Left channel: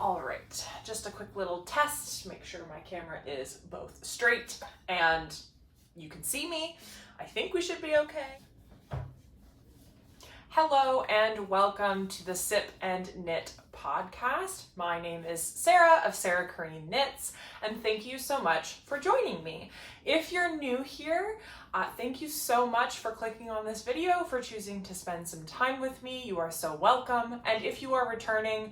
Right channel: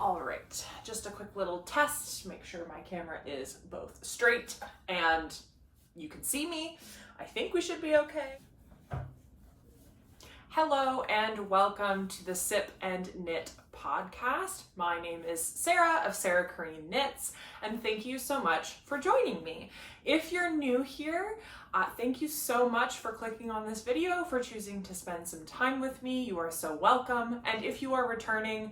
All right, just a quick little test to make sure my camera is both straight and you can see me. I think we should be okay. Hello and welcome to the Sip and Knit podcast. My name is Sarah of Sarah Kareen Knits, and thank you so much for joining me. If you're new here, thank you so much for clicking on this video, for choosing to spend some time with me. You are so welcome. And if you are returning,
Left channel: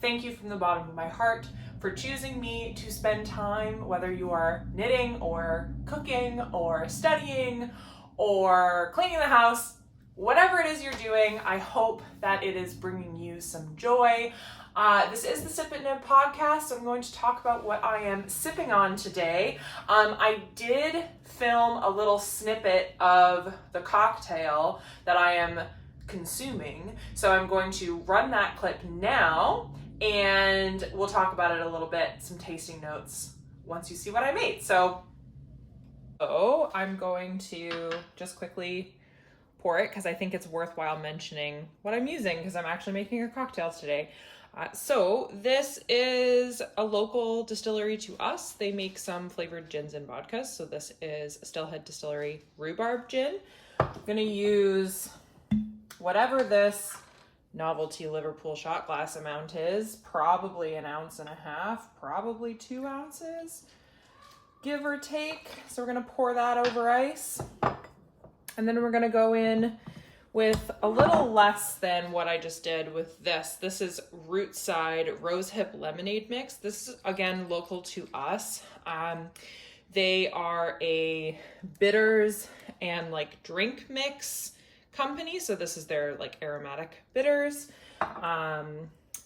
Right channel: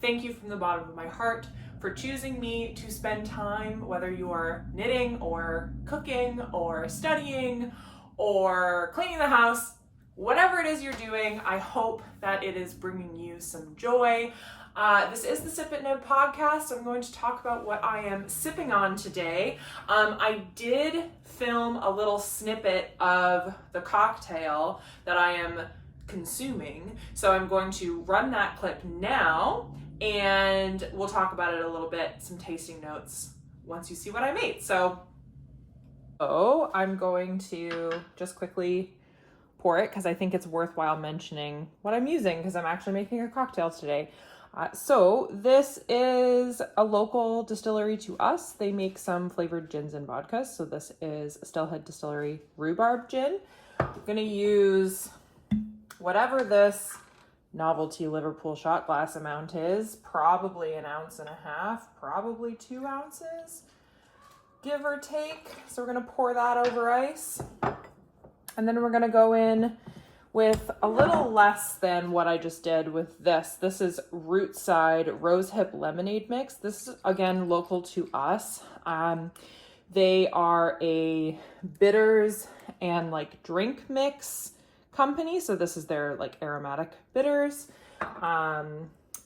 thank you from the bottom of my heart for choosing me to spend time, whether you are knitting or cooking or studying or cleaning the house. Whatever it is you're doing, I hope that it is bringing you some joy. This is the Sip and Knit podcast. I'm going to talk about what I am sipping on today. I did film a little snippet of the cocktail that I am consuming, so I'm going to run that clip now, and we'll talk about it a little bit, some tasting notes, once you see what I made. So I'm going to just quickly pour it because I think it's worthwhile mentioning what I'm using because I'm actually making a cocktail today. So this is a local distillery to us. They make some flavored gins and vodkas. So this is Stillhead Distillery Rhubarb Gin. I'm gonna use whatever this novelty Liverpool shot glass amount is, probably 1.5 ounces, probably 2 ounces, give or take. So we're gonna pour that over ice. And then we're gonna go in with a little less than what I just did with this. This is Rootside Rosehip Lemonade mix. This is, again, local to us. They are a bitters and like drink mix company. So this is their like aromatic bitters.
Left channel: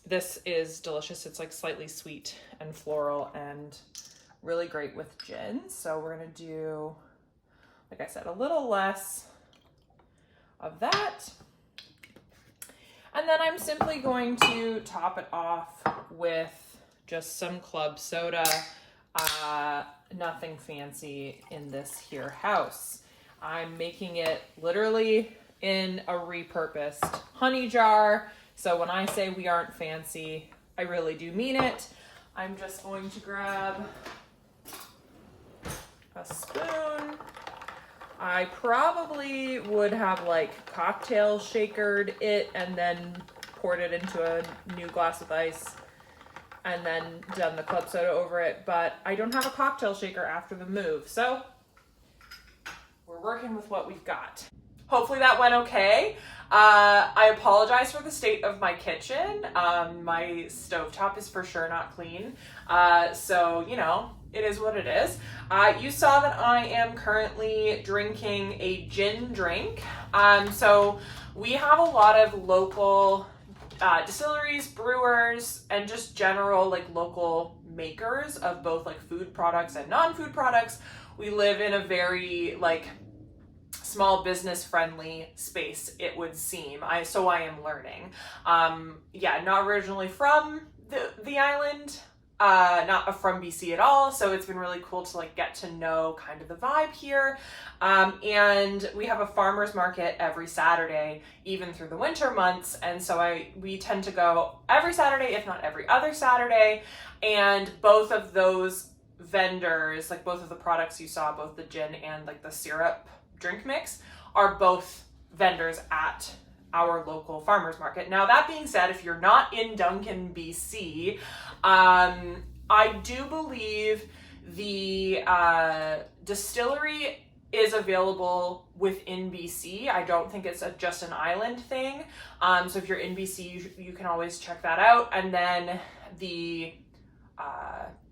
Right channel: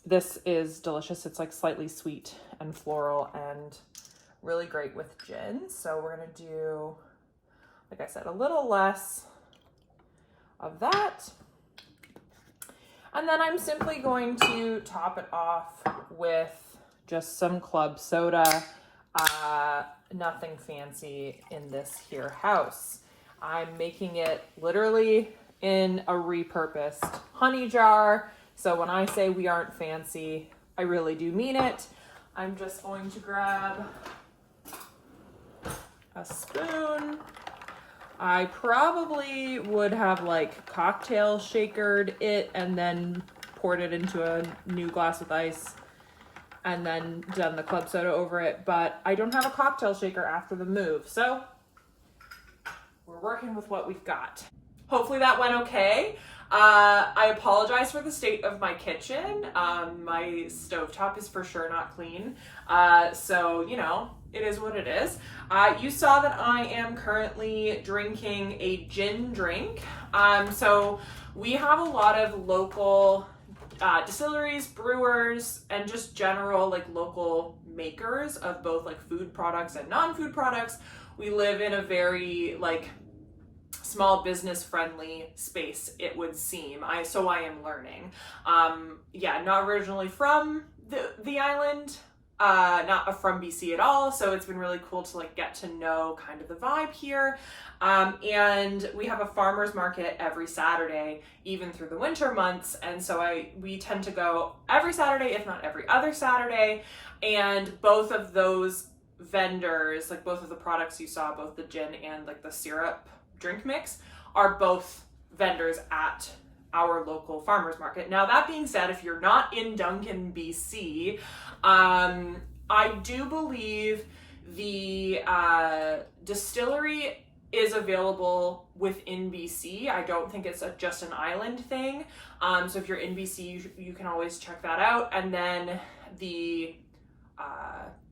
This is delicious. It's like slightly sweet and floral and really great with gin. So we're gonna do, like I said, a little less of that. And then I'm simply going to top it off with just some club soda. Nothing fancy in this here house. I'm making it literally in a repurposed honey jar. So when I say we aren't fancy, I really do mean it. I'm just going to grab a spoon. I probably would have like cocktail shakered it and then poured it into a new glass of ice and then done the club soda over it, but I don't have a cocktail shaker after the move, so we're working with what we've got. Hopefully that went okay. I apologize for the state of my kitchen. My stovetop is for sure not clean. So, you know, it is what it is. You saw that I am currently drinking a gin drink. So we have a lot of local distilleries, brewers, and just general like local makers of both like food products and non-food products. We live in a very like small business friendly space, it would seem. So I am learning. Yeah, not originally from the island, not from BC at all. So it's been really cool to like get to know kind of the vibe here. And we have a farmer's market every Saturday, even through the winter months. And so we tend to go every Saturday, if not every other Saturday. And both of those vendors, like both of the products you saw, both the gin and like the syrup drink mix, are both vendors at our local farmers market. Now that being said, if you're not in Duncan, BC, I do believe the distillery is available within BC. I don't think it's just an island thing. So if you're in BC, you can always check that out. And then the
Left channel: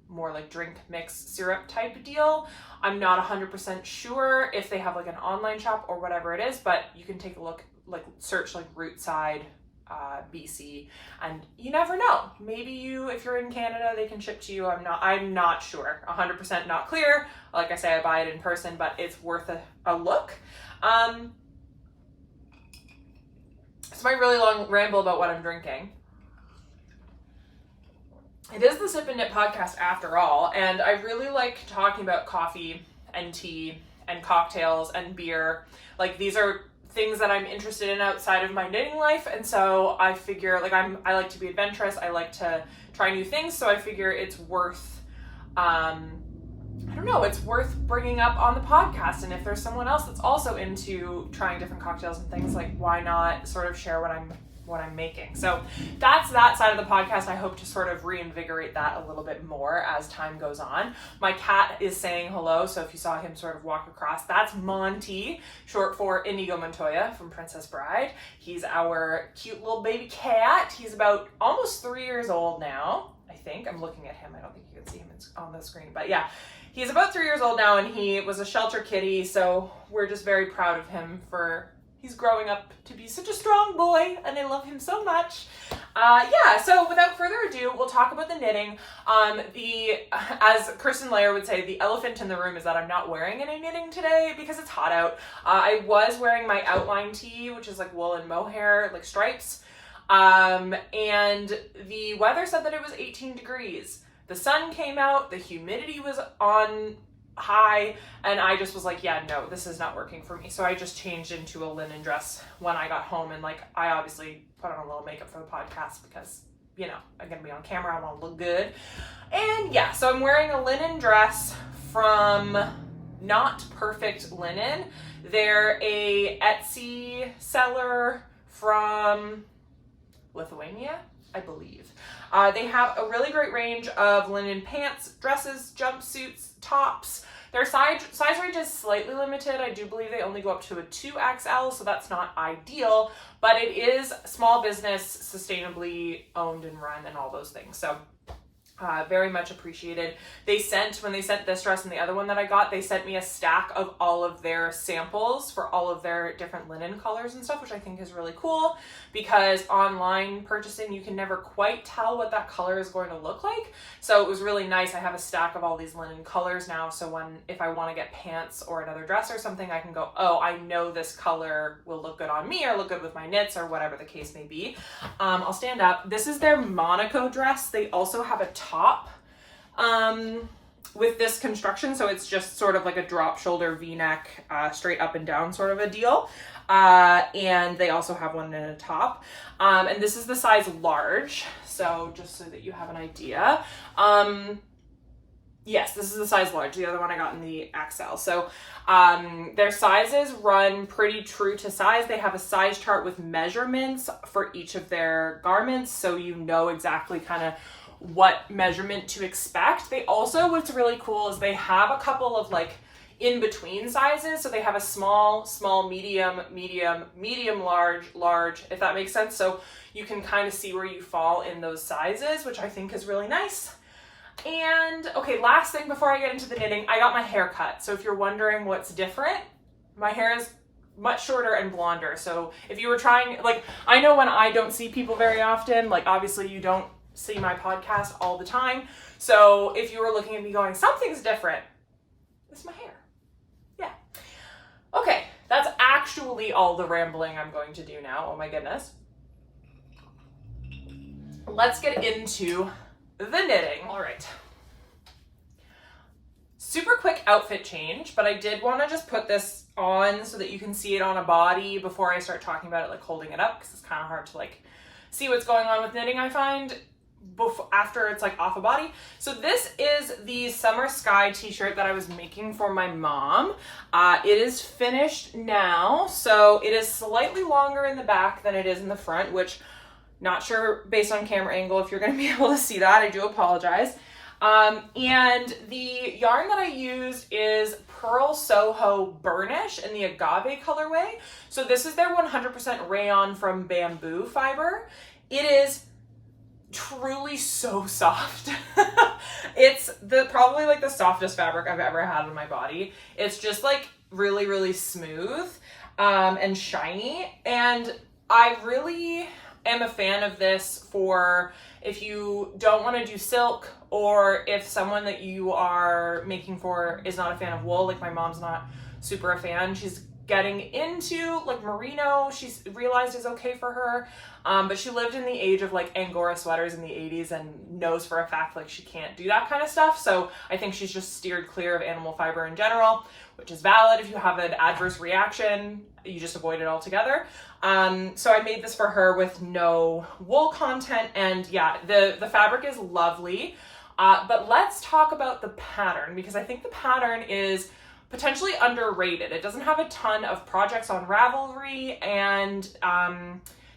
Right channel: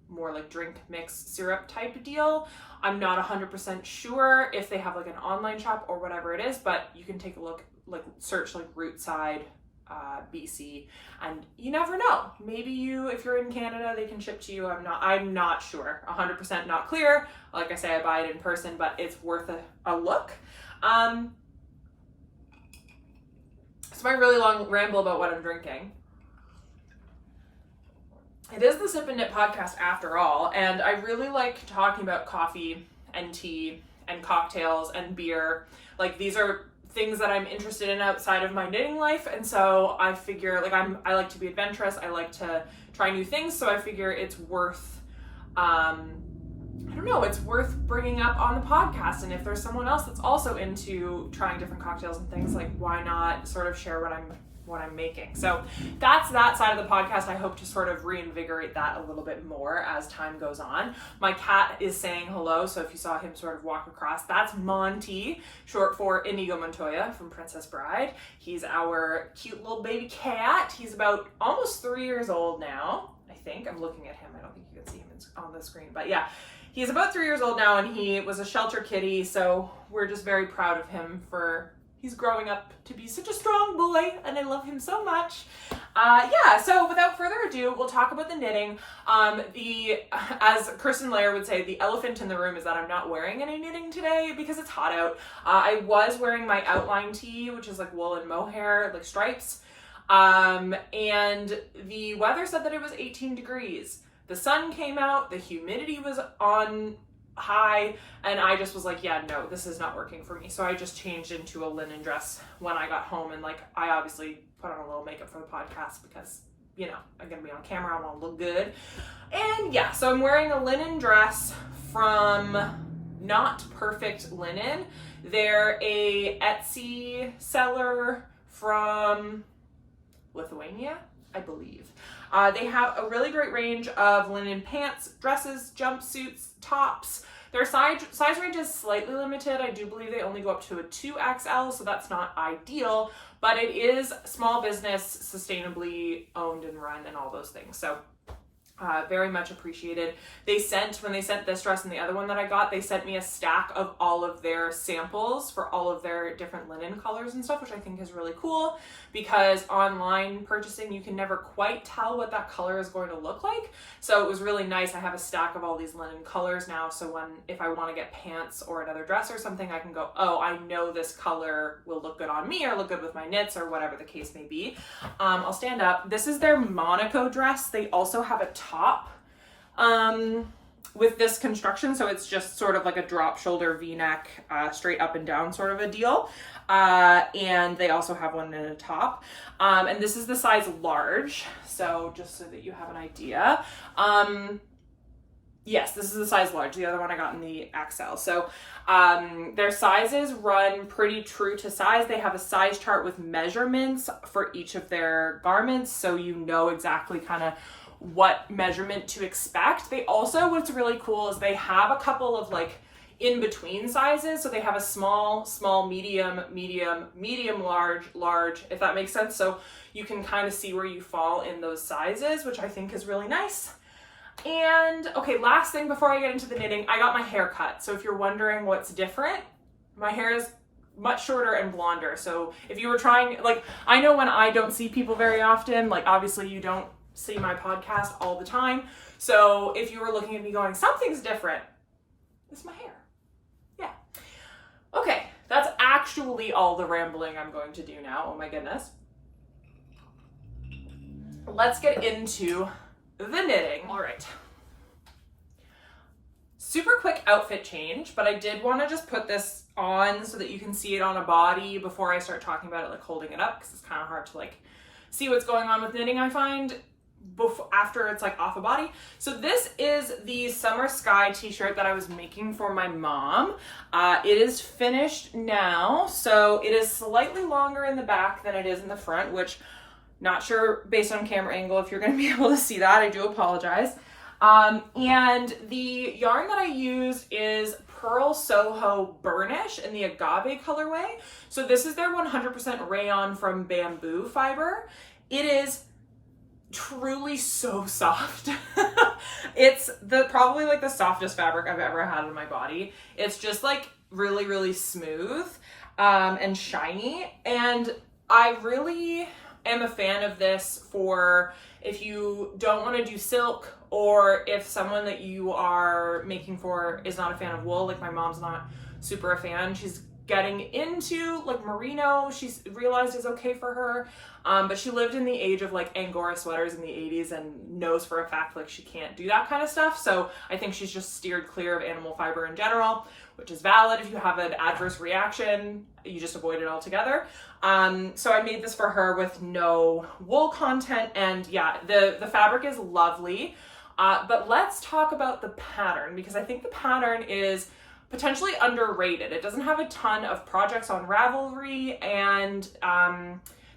more like drink mix syrup type deal, I'm not 100% sure if they have like an online shop or whatever it is, but you can take a look, like search like Rootside BC, and you never know. Maybe if you're in Canada, they can ship to you. I'm not sure, 100% not clear. Like I say, I buy it in person, but it's worth a look. It's my really long ramble about what I'm drinking. It is the Sip and Knit podcast after all, and I really like talking about coffee and tea and cocktails and beer. Like these are things that I'm interested in outside of my knitting life. And so I figure, like, I like to be adventurous. I like to try new things. So I figure it's worth, I don't know, it's worth bringing up on the podcast. And if there's someone else that's also into trying different cocktails and things, like, why not sort of share what I'm making? So that's that side of the podcast. I hope to sort of reinvigorate that a little bit more as time goes on. My cat is saying hello, so if you saw him sort of walk across, that's Monty, short for Inigo Montoya from Princess Bride. He's our cute little baby cat. He's about almost 3 years old now, I think. I'm looking at him. I don't think you can see him on the screen, but yeah, he's about 3 years old now, and he was a shelter kitty, so we're just very proud of him for he's growing up to be such a strong boy, and I love him so much. Yeah, so without further ado, we'll talk about the knitting. As Kirsten Layer would say, the elephant in the room is that I'm not wearing any knitting today because it's hot out. I was wearing my outline tee, which is like wool and mohair, like stripes. And the weather said that it was 18 degrees. The sun came out, the humidity was on high, and I just was like, yeah, no, this is not working for me. So I just changed into a linen dress when I got home, and like, I obviously put on a little makeup for the podcast because, you know, I'm gonna be on camera, I want to look good. And yeah, so I'm wearing a linen dress from Not Perfect Linen. They're a Etsy seller from Lithuania, I believe. They have a really great range of linen pants, dresses, jumpsuits, tops. Their size range is slightly limited. I do believe they only go up to a 2XL, so that's not ideal, but it is small business, sustainably owned and run, and all those things. So very much appreciated. When they sent this dress and the other one that I got, they sent me a stack of all of their samples for all of their different linen colors and stuff, which I think is really cool, because online purchasing, you can never quite tell what that color is going to look like. So it was really nice. I have a stack of all these linen colors now, so if I want to get pants or another dress or something, I can go, oh, I know this color will look good on me or look good with my knits or whatever the case may be. I'll stand up. This is their Monaco dress. They also have a top with this construction, so it's just sort of like a drop shoulder v-neck, straight up and down sort of a deal, and they also have one in a top, and this is the size large, so just so that you have an idea. Yes, this is the size large. The other one I got in the XL. So their sizes run pretty true to size. They have a size chart with measurements for each of their garments, so you know exactly kind of what measurement to expect. They also, what's really cool is they have a couple of like in between sizes. So they have a small, medium, large, if that makes sense. So you can kind of see where you fall in those sizes, which I think is really nice. And okay, last thing before I get into the knitting, I got my hair cut. So if you're wondering what's different, my hair is much shorter and blonder. So if you were trying, like, I know when I don't see people very often, like obviously you don't see my podcast all the time. So if you were looking at me going, something's different, it's my hair. Yeah. Okay, that's actually all the rambling I'm going to do now. Oh my goodness. Let's get into the knitting. All right. Super quick outfit change, but I did want to just put this on so that you can see it on a body before I start talking about it, like holding it up, because it's kind of hard to like see what's going on with knitting, I find, after it's like off a body. So this is the Summer Sky t-shirt that I was making for my mom. It is finished now, so it is slightly longer in the back than it is in the front, which not sure based on camera angle if you're going to be able to see that. I do apologize. And the yarn that I use is Purlsoho Burnish in the agave colorway. So this is their 100% rayon from bamboo fiber. It is truly so soft. It's probably like the softest fabric I've ever had on my body. It's just like really, really smooth and shiny. And I really am a fan of this for if you don't want to do silk, or if someone that you are making for is not a fan of wool. Like my mom's not super a fan. She's getting into like merino, she's realized is okay for her. But she lived in the age of like Angora sweaters in the 80s and knows for a fact like she can't do that kind of stuff. So I think she's just steered clear of animal fiber in general, which is valid. If you have an adverse reaction, you just avoid it altogether. So I made this for her with no wool content, and yeah, the fabric is lovely. But let's talk about the pattern, because I think the pattern is potentially underrated. It doesn't have a ton of projects on Ravelry, and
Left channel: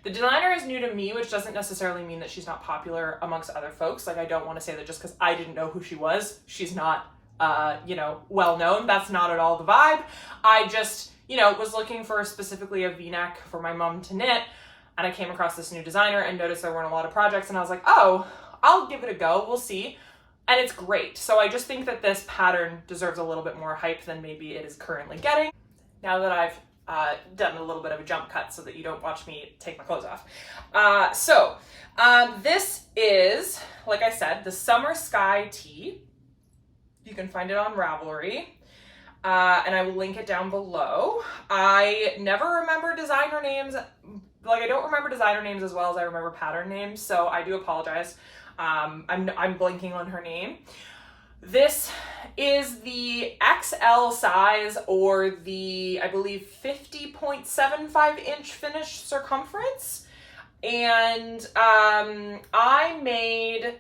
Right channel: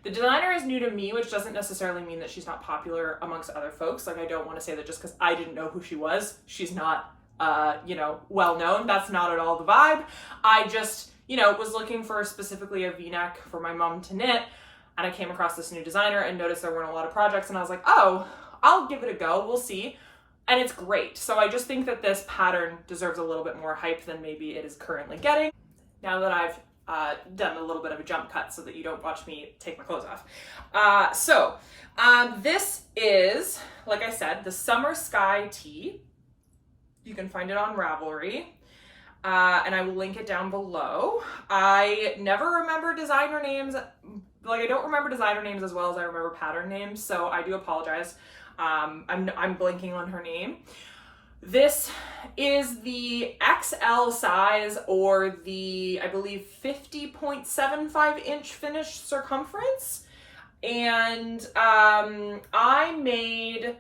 the designer is new to me, which doesn't necessarily mean that she's not popular amongst other folks. Like, I don't want to say that just because I didn't know who she was, she's not, well known. That's not at all the vibe. I just, was looking for specifically a V-neck for my mom to knit, and I came across this new designer and noticed there weren't a lot of projects, and I was like, oh, I'll give it a go. We'll see. And it's great. So I just think that this pattern deserves a little bit more hype than maybe it is currently getting. Now that I've done a little bit of a jump cut so that you don't watch me take my clothes off. This is, like I said, the Summer Sky tee. You can find it on Ravelry. And I will link it down below. I never remember designer names. Like, I don't remember designer names as well as I remember pattern names, so I do apologize. I'm blanking on her name. This is the XL size, or the, I believe, 50.75 inch finished circumference. And I made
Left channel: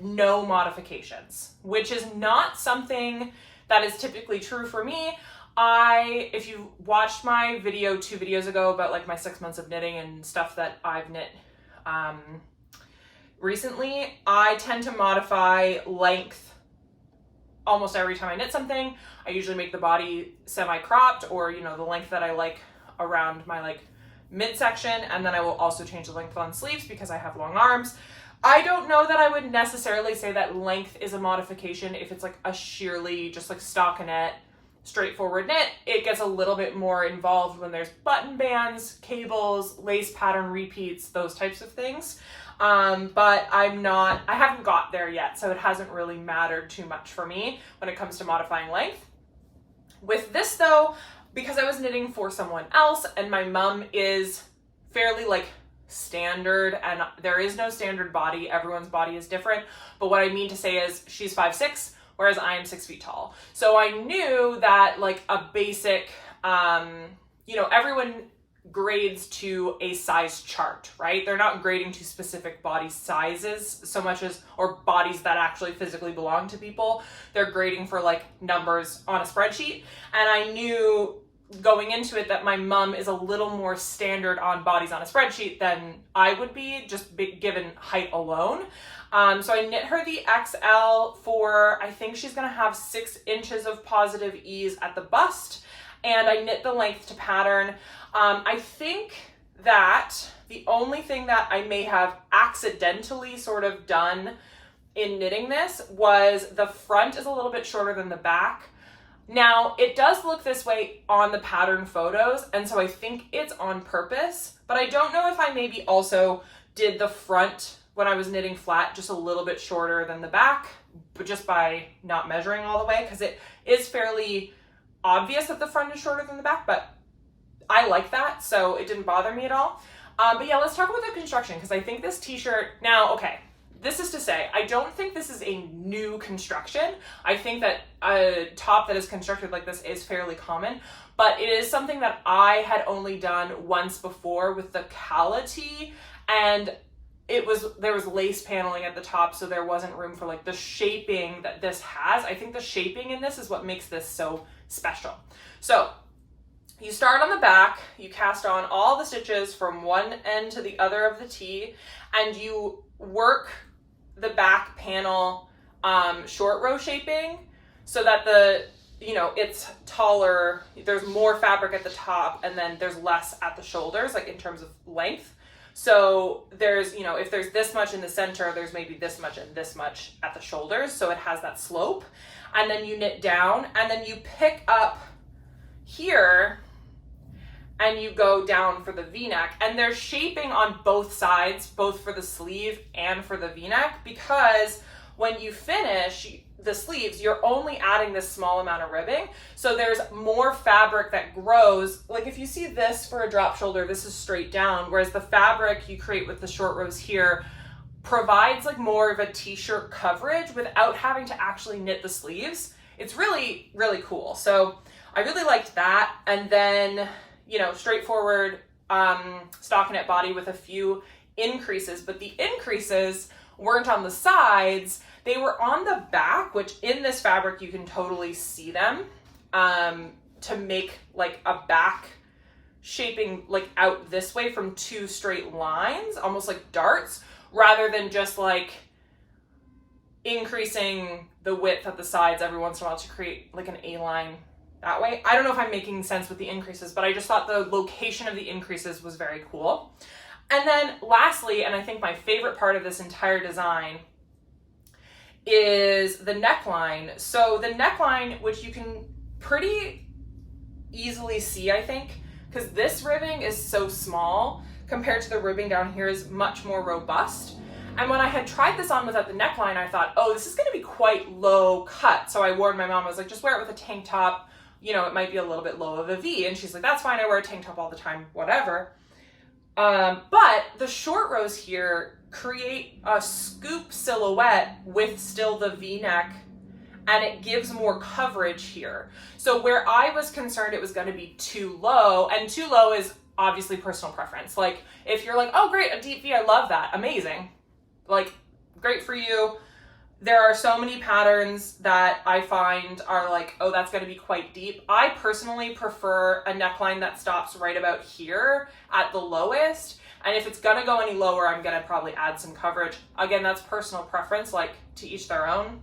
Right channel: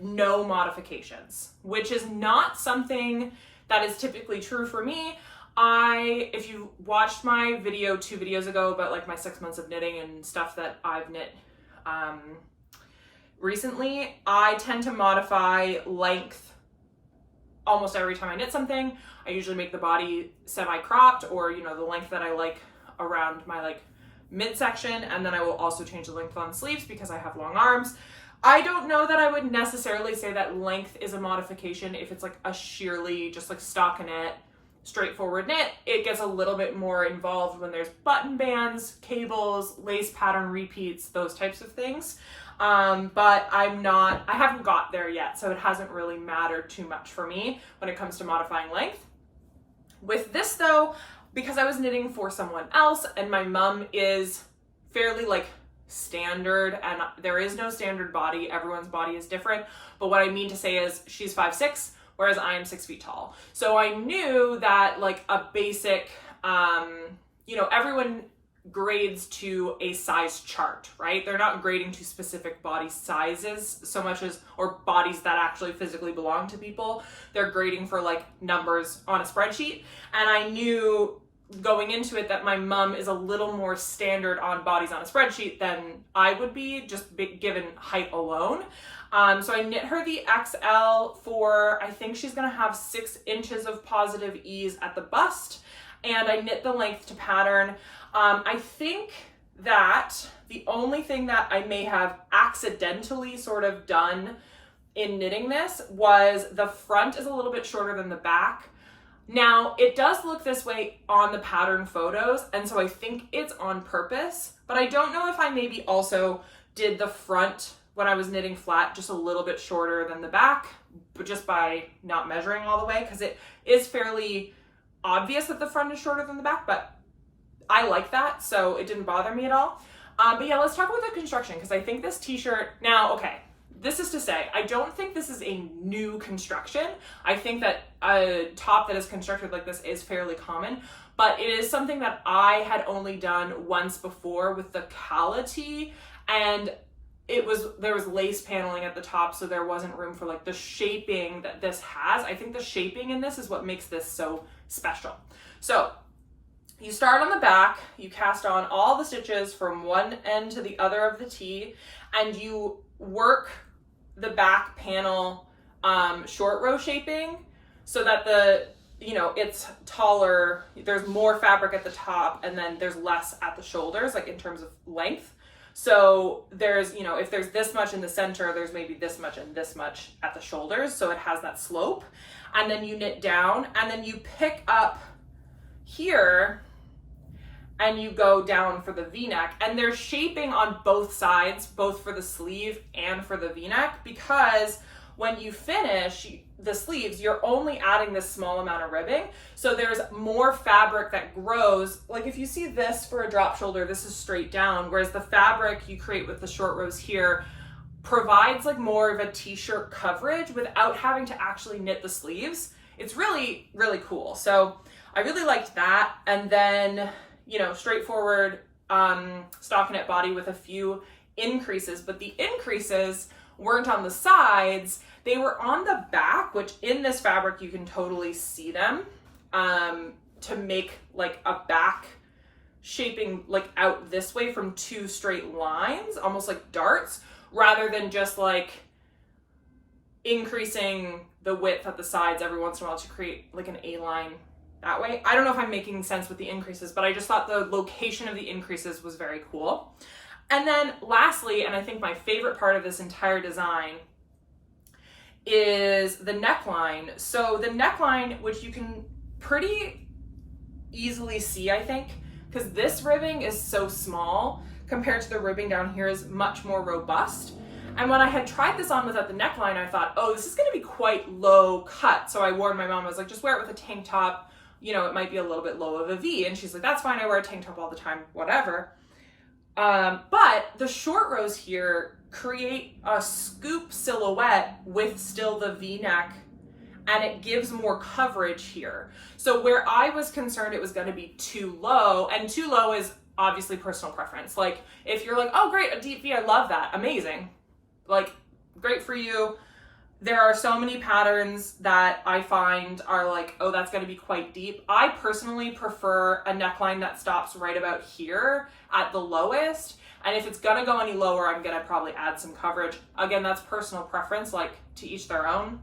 no modifications, which is not something that is typically true for me. If you watched my video 2 videos ago about like my 6 months of knitting and stuff that I've knit recently, I tend to modify length almost every time I knit something. I usually make the body semi-cropped, or the length that I like around my like midsection, and then I will also change the length on sleeves because I have long arms. I don't know that I would necessarily say that length is a modification if it's like a sheerly just like stockinette straightforward knit. It gets a little bit more involved when there's button bands, cables, lace pattern repeats, those types of things. But I haven't got there yet, so it hasn't really mattered too much for me when it comes to modifying length. With this though, because I was knitting for someone else and my mom is fairly like standard, and there is no standard body, everyone's body is different, but what I mean to say is she's 5'6", whereas I am 6 feet tall. So I knew that like a basic, everyone grades to a size chart, right? They're not grading to specific body sizes so much as, or bodies that actually physically belong to people. They're grading for like numbers on a spreadsheet. And I knew going into it that my mom is a little more standard on bodies on a spreadsheet than I would be, just given height alone. So I knit her the XL for, I think she's gonna have 6 inches of positive ease at the bust, and I knit the length to pattern. I think that the only thing that I may have accidentally sort of done in knitting this was the front is a little bit shorter than the back. Now, it does look this way on the pattern photos, and so I think it's on purpose, but I don't know if I maybe also did the front when I was knitting flat just a little bit shorter than the back, but just by not measuring all the way, because it is fairly obvious that the front is shorter than the back, but I like that, so it didn't bother me at all. But yeah, let's talk about the construction, because I think this t-shirt, now, okay, this is to say, I don't think this is a new construction. I think that a top that is constructed like this is fairly common, but it is something that I had only done once before with the Cala tee, and there was lace paneling at the top, so there wasn't room for like the shaping that this has. I think the shaping in this is what makes this so special. So you start on the back, you cast on all the stitches from one end to the other of the tee, and you work the back panel short row shaping so that it's taller, there's more fabric at the top, and then there's less at the shoulders, like in terms of length. So there's, if there's this much in the center, there's maybe this much and this much at the shoulders, so it has that slope. And then you knit down, and then you pick up here and you go down for the V-neck, and there's shaping on both sides, both for the sleeve and for the V-neck, because when you finish the sleeves, you're only adding this small amount of ribbing. So there's more fabric that grows. Like if you see this for a drop shoulder, this is straight down, whereas the fabric you create with the short rows here provides like more of a t-shirt coverage without having to actually knit the sleeves. It's really, really cool. So I really liked that. And then, you know, straightforward stockinette body with a few increases, but the increases weren't on the sides, they were on the back, which in this fabric you can totally see them, to make like a back shaping like out this way from two straight lines, almost like darts, rather than just like increasing the width at the sides every once in a while to create like an A-line that way. I don't know if I'm making sense with the increases, but I just thought the location of the increases was very cool. And then lastly, and I think my favorite part of this entire design, is the neckline. So the neckline, which you can pretty easily see, I think, because this ribbing is so small compared to the ribbing down here is much more robust. And when I had tried this on without the neckline, I thought, oh, this is going to be quite low cut. So I warned my mom, I was like, just wear it with a tank top. You know, it might be a little bit low of a V. And she's like, that's fine. I wear a tank top all the time, whatever. But the short rows here create a scoop silhouette with still the V-neck, and it gives more coverage here. So where I was concerned it was going to be too low, and too low is obviously personal preference. Like if you're like, oh great, a deep V, I love that, amazing. Like great for you. There are so many patterns that I find are like, oh, that's going to be quite deep. I personally prefer a neckline that stops right about here at the lowest. And if it's going to go any lower, I'm going to probably add some coverage. Again, that's personal preference, like to each their own.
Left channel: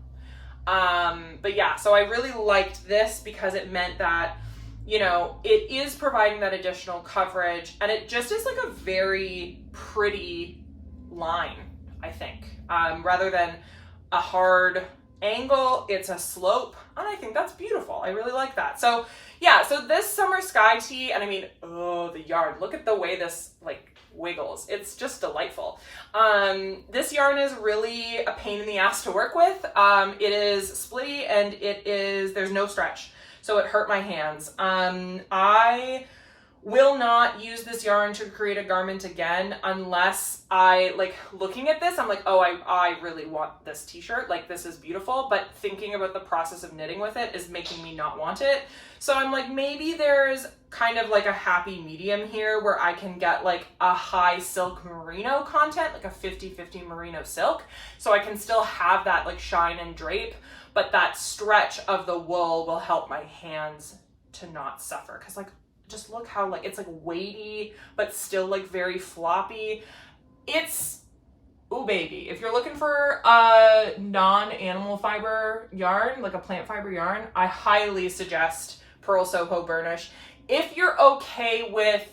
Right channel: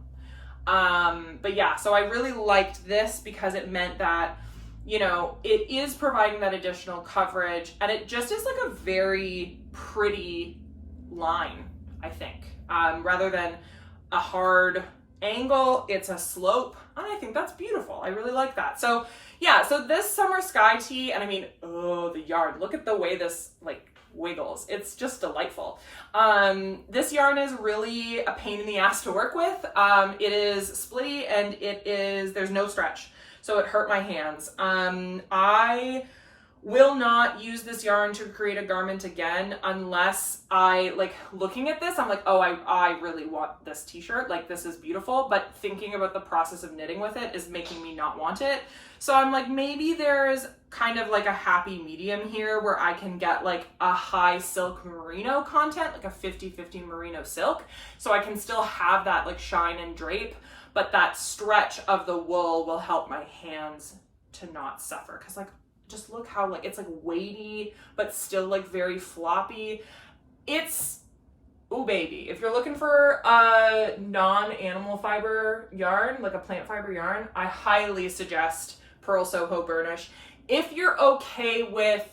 But yeah, so I really liked this because it meant that, you know, it is providing that additional coverage, and it just is like a very pretty line, I think, rather than a hard angle, it's a slope, and I think that's beautiful. I really like that. So yeah, so this summer sky tee, and I mean, oh, the yarn, look at the way this like wiggles. It's just delightful. This yarn is really a pain in the ass to work with. It is splitty, and there's no stretch, so it hurt my hands. I will not use this yarn to create a garment again unless I, like, looking at this, I'm like, oh, I really want this t-shirt, like this is beautiful, but thinking about the process of knitting with it is making me not want it. So I'm like, maybe there's kind of like a happy medium here where I can get like a high silk merino content, like a 50-50 merino silk, so I can still have that like shine and drape, but that stretch of the wool will help my hands to not suffer. Because like, just look how like it's like weighty but still like very floppy. It's, ooh baby, if you're looking for a non-animal fiber yarn, like a plant fiber yarn, I highly suggest Purlsoho Burnish. If you're okay with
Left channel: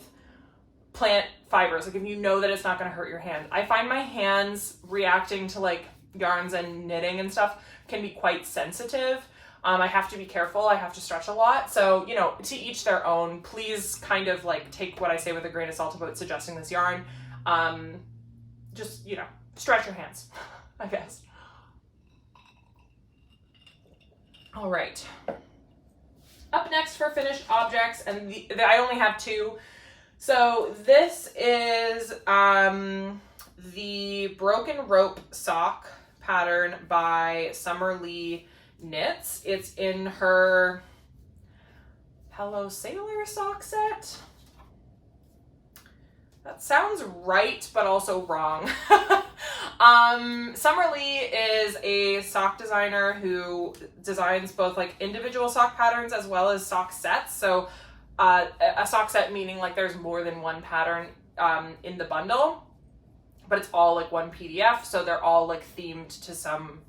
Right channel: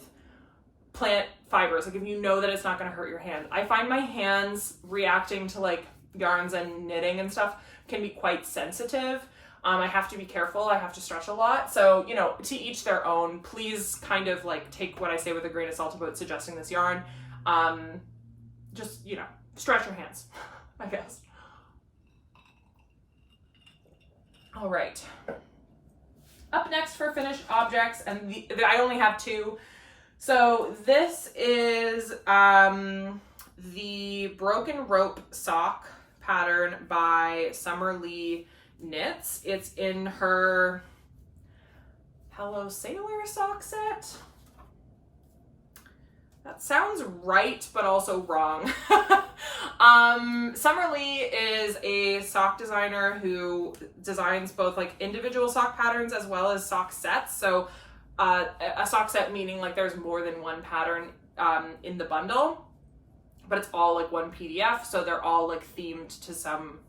plant fibers, like if you know that it's not going to hurt your hands. I find my hands reacting to like yarns and knitting and stuff can be quite sensitive. I have to be careful. I have to stretch a lot. So, you know, to each their own. Please kind of like take what I say with a grain of salt about suggesting this yarn. Just, you know, stretch your hands, I guess. All right. Up next for finished objects, and I only have two. So this is the Broken Rope sock pattern by Summerlee Knits. It's in her Hello Sailor sock set. That sounds right, but also wrong. Summerlee is a sock designer who designs both like individual sock patterns as well as sock sets. So a sock set meaning like there's more than one pattern in the bundle, but it's all like one PDF. So they're all like themed to some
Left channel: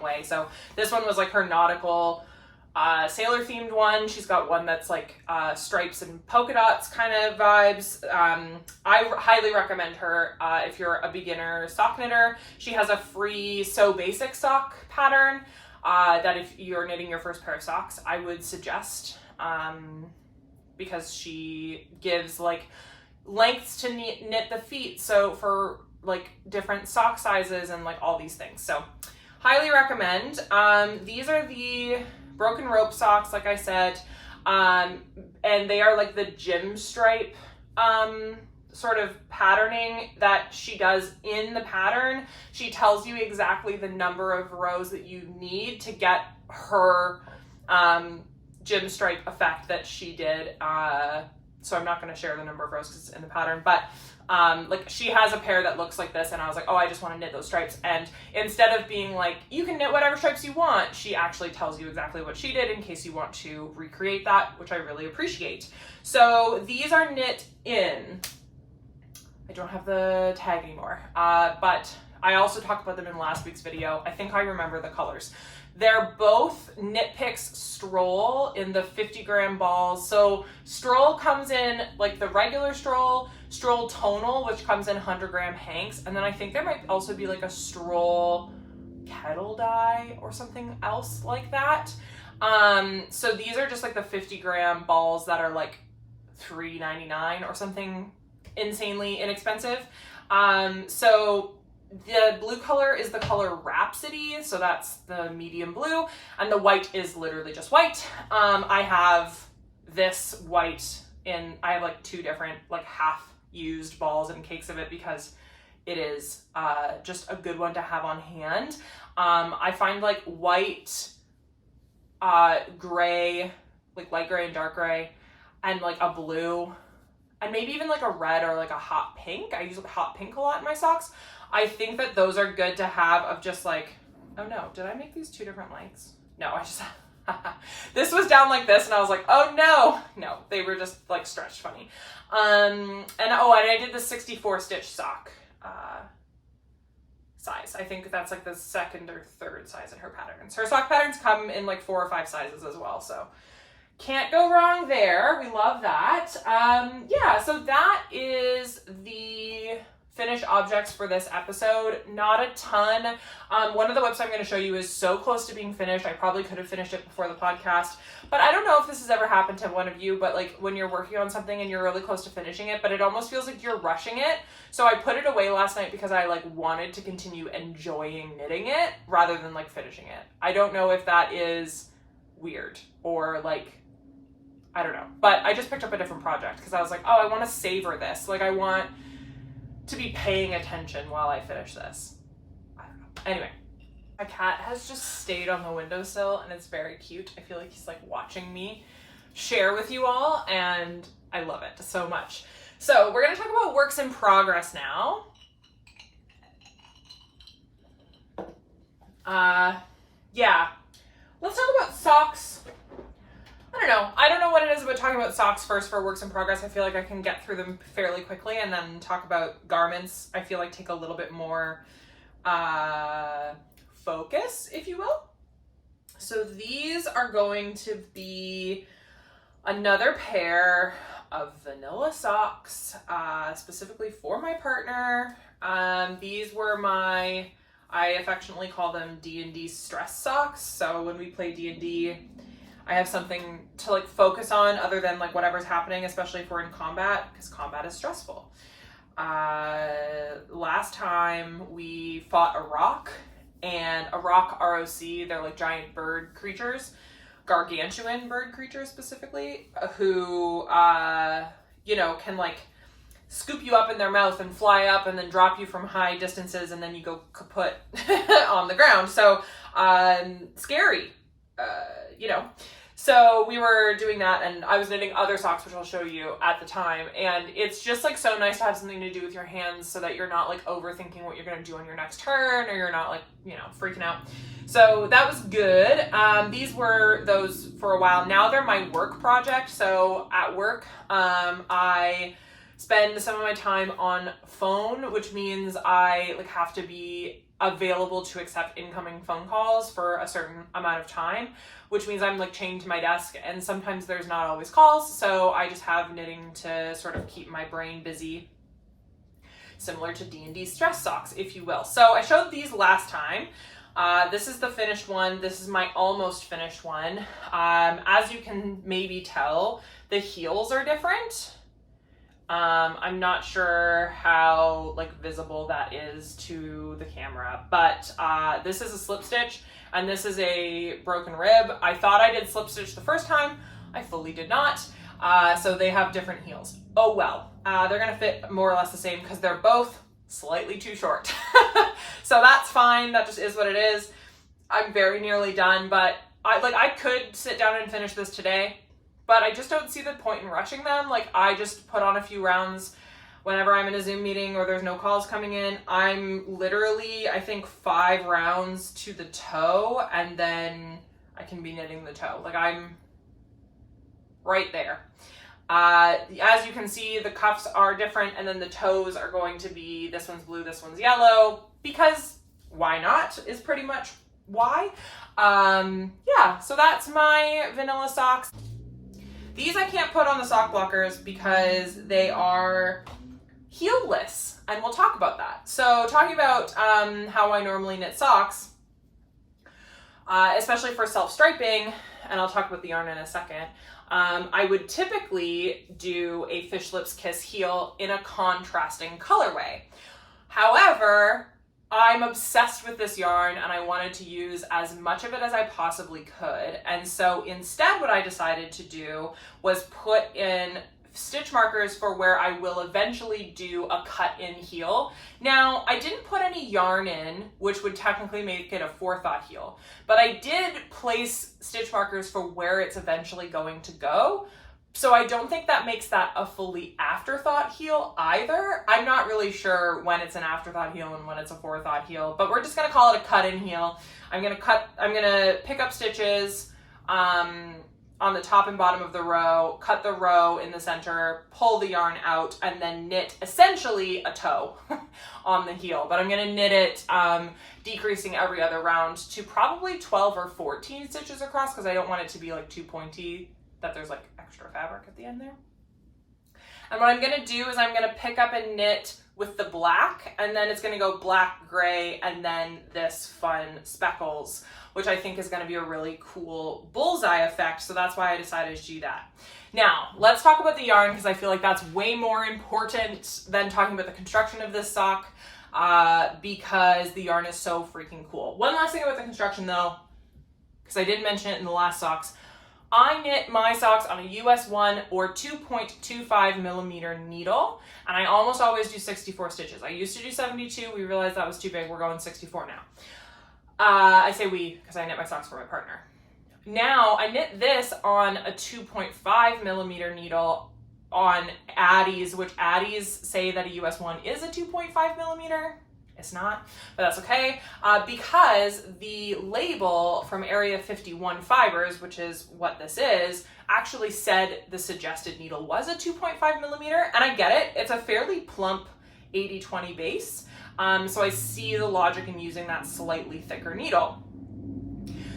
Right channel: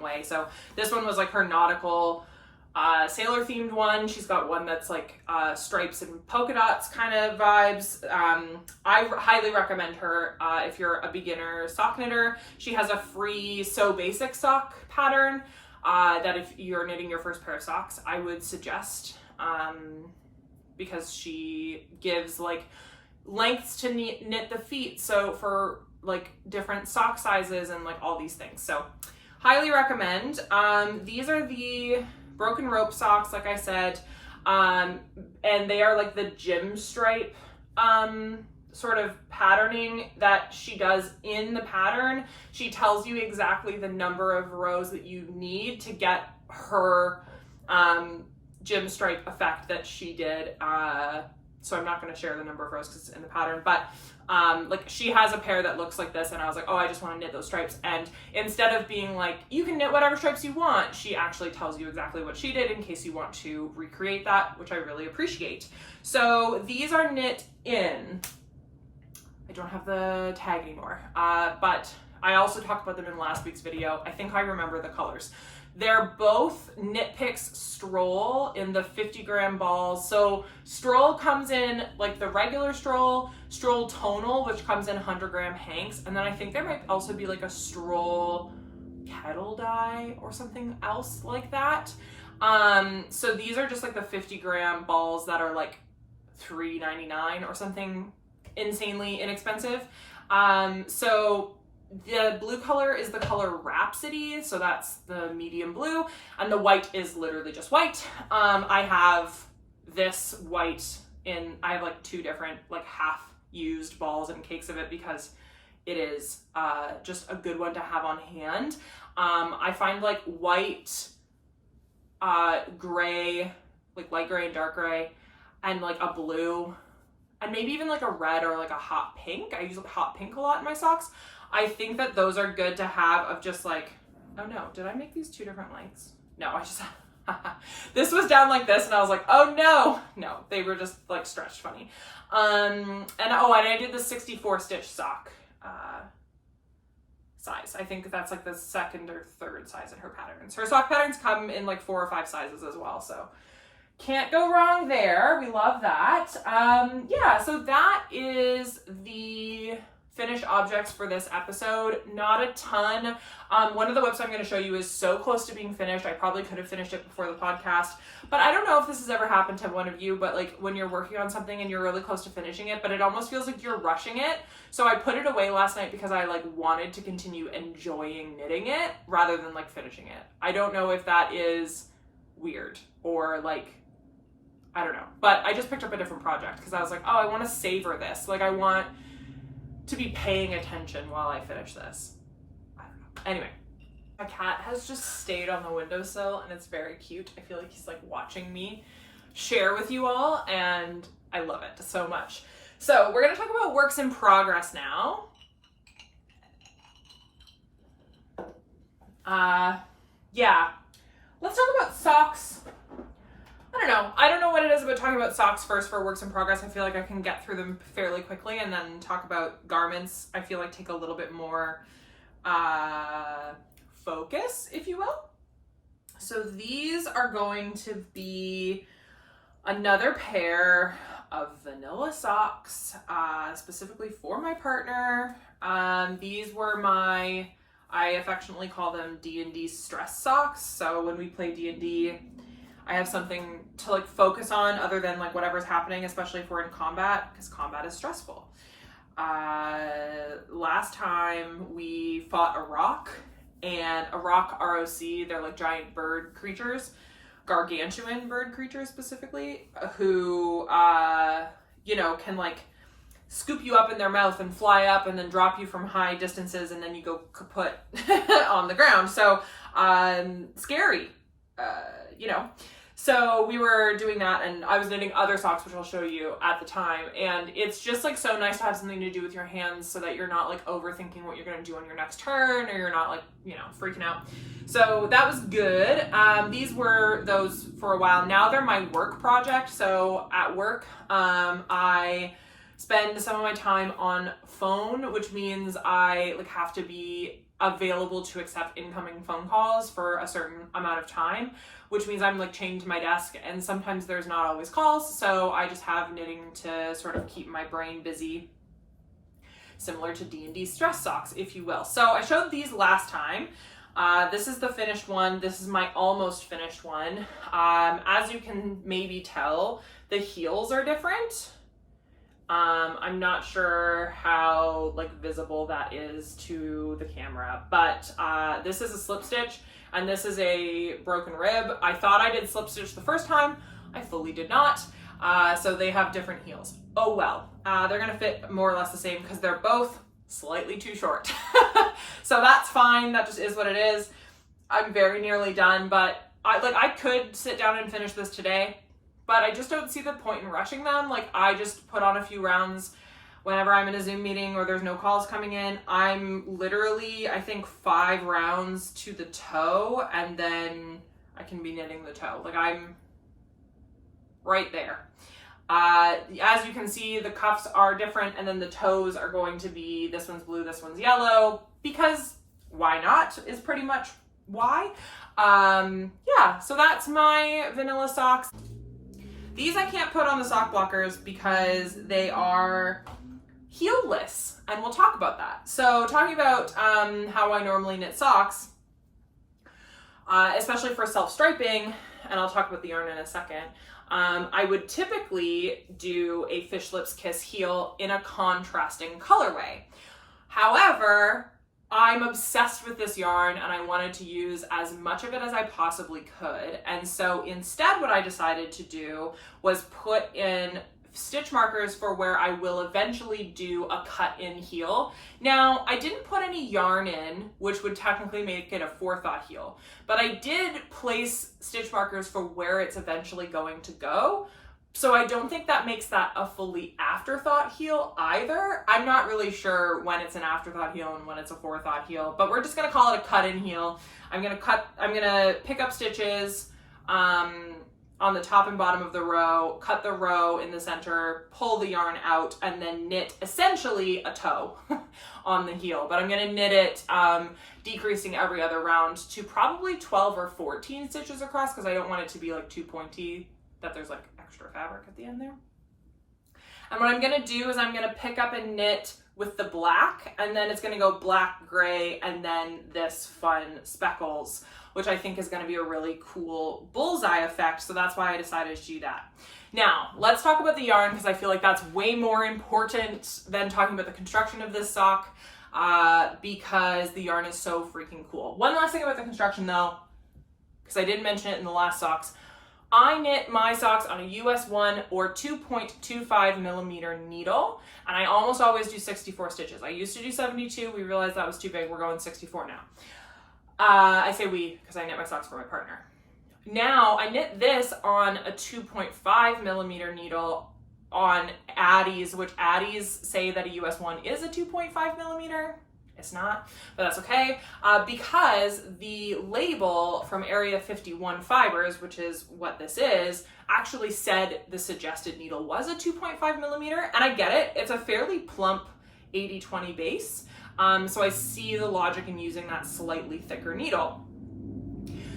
way. So this one was like her nautical sailor themed one. She's got one that's like stripes and polka dots kind of vibes. I highly recommend her if you're a beginner sock knitter. She has a free So Basic sock pattern that if you're knitting your first pair of socks, I would suggest, because she gives like lengths to knit the feet, so for like different sock sizes and like all these things. So highly recommend. These are the broken rope socks, like I said, and they are like the gym stripe sort of patterning that she does in the pattern. She tells you exactly the number of rows that you need to get her gym stripe effect that she did. So I'm not going to share the number of rows because it's in the pattern, but like she has a pair that looks like this, and I was like, oh, I just want to knit those stripes. And instead of being like, you can knit whatever stripes you want, she actually tells you exactly what she did in case you want to recreate that, which I really appreciate. So these are knit in, I don't have the tag anymore, but I also talked about them in last week's video. I think I remember the colors. They're both Knitpicks Stroll in the 50-gram balls. So Stroll comes in like the regular Stroll Tonal, which comes in 100-gram hanks. And then I think there might also be like a Stroll kettle dye or something else like that. So these are just like the 50-gram balls that are like $3.99 or something insanely inexpensive. So the blue color is the color Rhapsody, so that's the medium blue, and the white is literally just white. I have this white in, I have like two different like half used balls and cakes of it because it is just a good one to have on hand. I find like white, gray, like light gray and dark gray, and like a blue, and maybe even like a red or like a hot pink. I use hot pink a lot in my socks. I think that those are good to have of just like, oh no, did I make these two different lengths? No, I just, this was down like this and I was like, oh no, they were just like stretched funny. And I did the 64 stitch sock size. I think that's like the second or third size in her patterns. Her sock patterns come in like 4 or 5 sizes as well, so can't go wrong there. We love that. Yeah, so that is the finished objects for this episode. Not a ton. One of the whips I'm going to show you is so close to being finished. I probably could have finished it before the podcast, but I don't know if this has ever happened to one of you, but like when you're working on something and you're really close to finishing it, but it almost feels like you're rushing it. So I put it away last night because I like wanted to continue enjoying knitting it rather than like finishing it. I don't know if that is weird or like, I don't know, but I just picked up a different project because I was like, oh, I want to savor this. Like I want to be paying attention while I finish this. I don't know. Anyway, my cat has just stayed on the windowsill and it's very cute. I feel like he's like watching me share with you all and I love it so much. So we're gonna talk about works in progress now. Yeah, let's talk about socks. I don't know what it is about talking about socks first for works in progress. I feel like I can get through them fairly quickly, and then talk about garments, I feel like take a little bit more focus, if you will. So these are going to be another pair of vanilla socks, specifically for my partner. These were my, I affectionately call them D&D stress socks. So when we play D&D, I have something to like focus on other than like whatever's happening, especially if we're in combat, because combat is stressful. Last time we fought a rock, and a rock ROC, they're like giant bird creatures, gargantuan bird creatures specifically, who, you know, can like scoop you up in their mouth and fly up and then drop you from high distances, and then you go kaput on the ground. So, scary, you know. So we were doing that, and I was knitting other socks, which I'll show you at the time. And it's just like so nice to have something to do with your hands so that you're not like overthinking what you're going to do on your next turn, or you're not like, you know, freaking out. So that was good. These were those for a while. Now they're my work project. So at work, I spend some of my time on phone, which means I like have to be available to accept incoming phone calls for a certain amount of time, which means I'm like chained to my desk, and sometimes there's not always calls, so I just have knitting to sort of keep my brain busy, similar to D&D stress socks, if you will. So I showed these last time. This is the finished one. This is my almost finished one. As you can maybe tell, the heels are different. I'm not sure how like visible that is to the camera, but this is a slip stitch and this is a broken rib. I thought I did slip stitch the first time. I fully did not. So they have different heels. Oh well, they're gonna fit more or less the same because they're both slightly too short. So that's fine, that just is what it is. I'm very nearly done, but I could sit down and finish this today, but I just don't see the point in rushing them. Like, I just put on a few rounds whenever I'm in a Zoom meeting or there's no calls coming in. I'm literally, I think 5 rounds to the toe, and then I can be knitting the toe. Like, I'm right there. As you can see, the cuffs are different, and then the toes are going to be, this one's blue, this one's yellow, because why not is pretty much why. Yeah, so that's my vanilla socks. These I can't put on the sock blockers because they are heelless, and we'll talk about that. So talking about how I normally knit socks, especially for self-striping, and I'll talk about the yarn in a second, I would typically do a Fish Lips Kiss heel in a contrasting colorway. However, I'm obsessed with this yarn and I wanted to use as much of it as I possibly could. And so instead what I decided to do was put in stitch markers for where I will eventually do a cut-in heel. Now, I didn't put any yarn in, which would technically make it a forethought heel, but I did place stitch markers for where it's eventually going to go. So I don't think that makes that a fully afterthought heel either. I'm not really sure when it's an afterthought heel and when it's a forethought heel, but we're just gonna call it a cut-in heel. I'm gonna pick up stitches on the top and bottom of the row, cut the row in the center, pull the yarn out, and then knit essentially a toe on the heel. But I'm gonna knit it decreasing every other round to probably 12 or 14 stitches across, because I don't want it to be like too pointy that there's like extra fabric at the end there. And what I'm gonna do is I'm gonna pick up and knit with the black, and then it's gonna go black, gray, and then this fun speckles, which I think is gonna be a really cool bullseye effect. So that's why I decided to do that. Now, let's talk about the yarn, because I feel like that's way more important than talking about the construction of this sock, because the yarn is so freaking cool. One last thing about the construction though, because I didn't mention it in the last socks. I knit my socks on a US 1 or 2.25 millimeter needle, and I almost always do 64 stitches. I used to do 72. We realized that was too big. We're going 64 now. I say we because I knit my socks for my partner. Now I knit this on a 2.5 millimeter needle on Addies, which Addies say that a US 1 is a 2.5 millimeter. It's not, but that's okay, because the label from Area 51 Fibers, which is what this is, actually said the suggested needle was a 2.5 millimeter, and I get it. It's a fairly plump 80-20 base, so I see the logic in using that slightly thicker needle.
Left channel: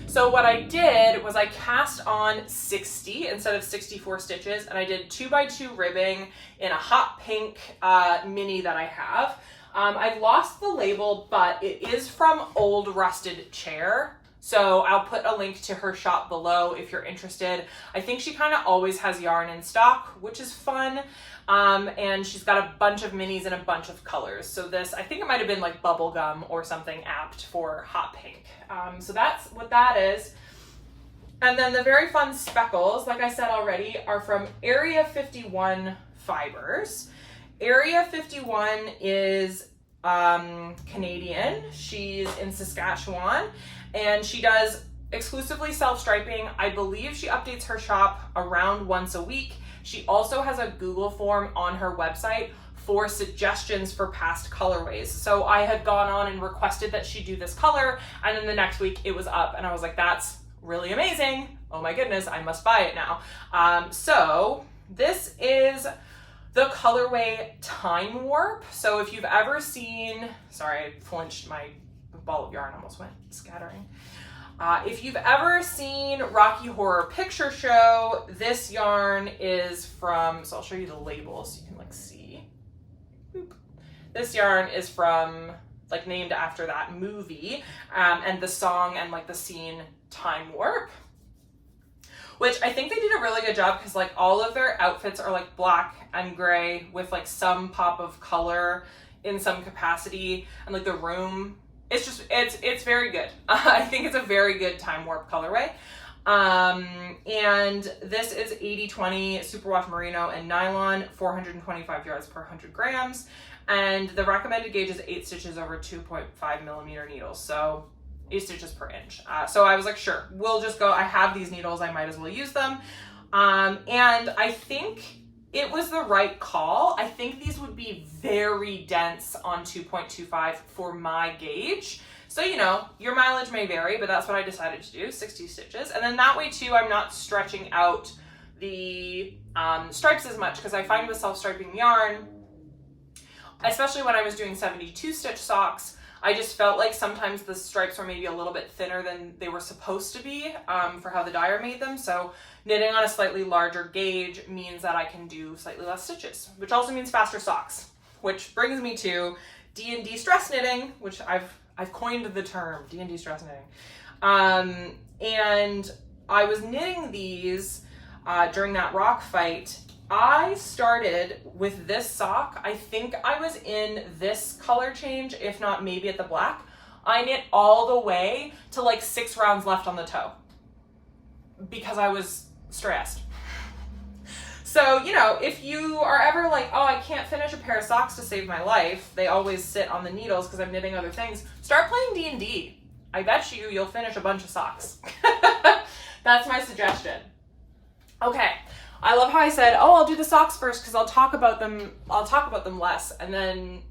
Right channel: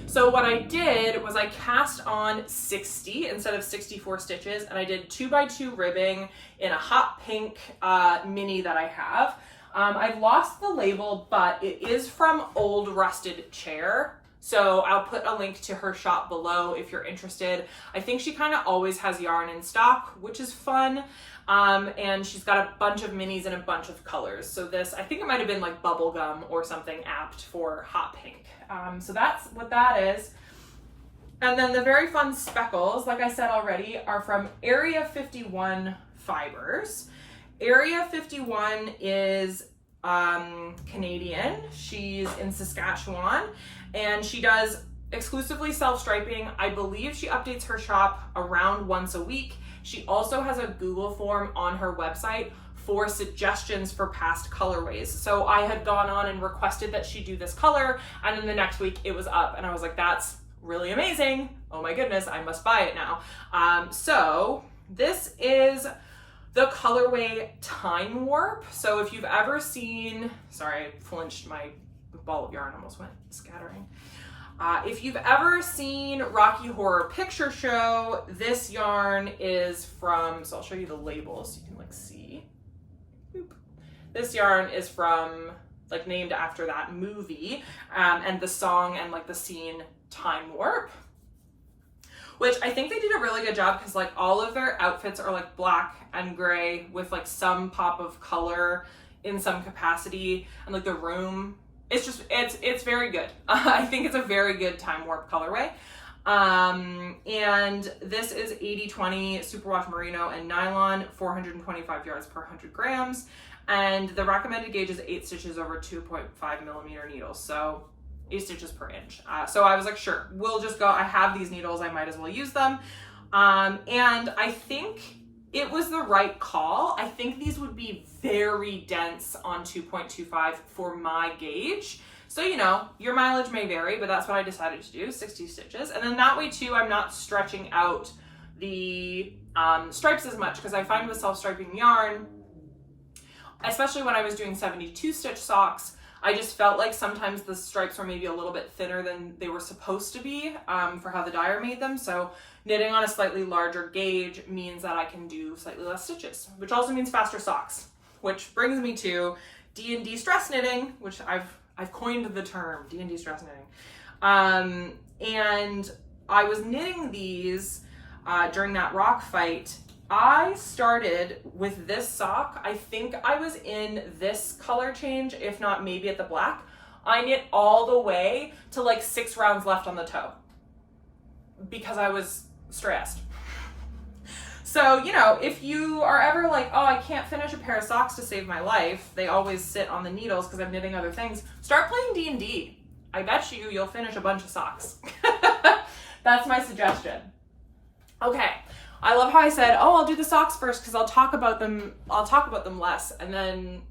So what I did was I cast on 60 instead of 64 stitches, and I did 2x2 ribbing in a hot pink mini that I have. I've lost the label, but it is from Old Rusted Chair. So I'll put a link to her shop below if you're interested. I think she kind of always has yarn in stock, which is fun. And she's got a bunch of minis in a bunch of colors. So this, I think it might've been like bubblegum or something apt for hot pink. So that's what that is. And then the very fun speckles, like I said already, are from Area 51 Fibers. Area 51 is Canadian. She's in Saskatchewan, and she does exclusively self-striping. I believe she updates her shop around once a week. She also has a Google form on her website for suggestions for past colorways. So I had gone on and requested that she do this color, and then the next week it was up, and I was like, that's really amazing. Oh my goodness, I must buy it now. So this is the colorway Time Warp. So if you've ever seen, sorry, I flinched, my ball of yarn almost went scattering. If you've ever seen Rocky Horror Picture Show, this yarn is from, so I'll show you the label so you can like see. Boop. This yarn is from, like, named after that movie, and the song and like the scene Time Warp. which I think they did a really good job because like all of their outfits are like black and gray with like some pop of color in some capacity, and like the room, it's just, it's very good. I think it's a very good time warp colorway. And this is 80/20 superwash merino and nylon, 425 yards per 100 grams. And the recommended gauge is 8 stitches over 2.5 millimeter needles. So 8 stitches per inch. So I was like, sure, we'll just go. I have these needles, I might as well use them. And I think it was the right call. I think these would be very dense on 2.25 for my gauge. So, you know, your mileage may vary, but that's what I decided to do, 60 stitches. And then that way too, I'm not stretching out the stripes as much, because I find with self-striping yarn, especially when I was doing 72 stitch socks, I just felt like sometimes the stripes were maybe a little bit thinner than they were supposed to be for how the dyer made them. So knitting on a slightly larger gauge means that I can do slightly less stitches, which also means faster socks, which brings me to D&D stress knitting, which I've coined the term D&D stress knitting. And I was knitting these during that rock fight. I started with this sock. I think I was in this color change, if not maybe at the black. I knit all the way to like 6 rounds left on the toe because I was stressed. So, you know, if you are ever like, oh, I can't finish a pair of socks to save my life, they always sit on the needles because I'm knitting other things, start playing D&D. I bet you'll finish a bunch of socks. That's my suggestion. Okay. I love how I said, oh, I'll do the socks first because I'll talk about them less, and then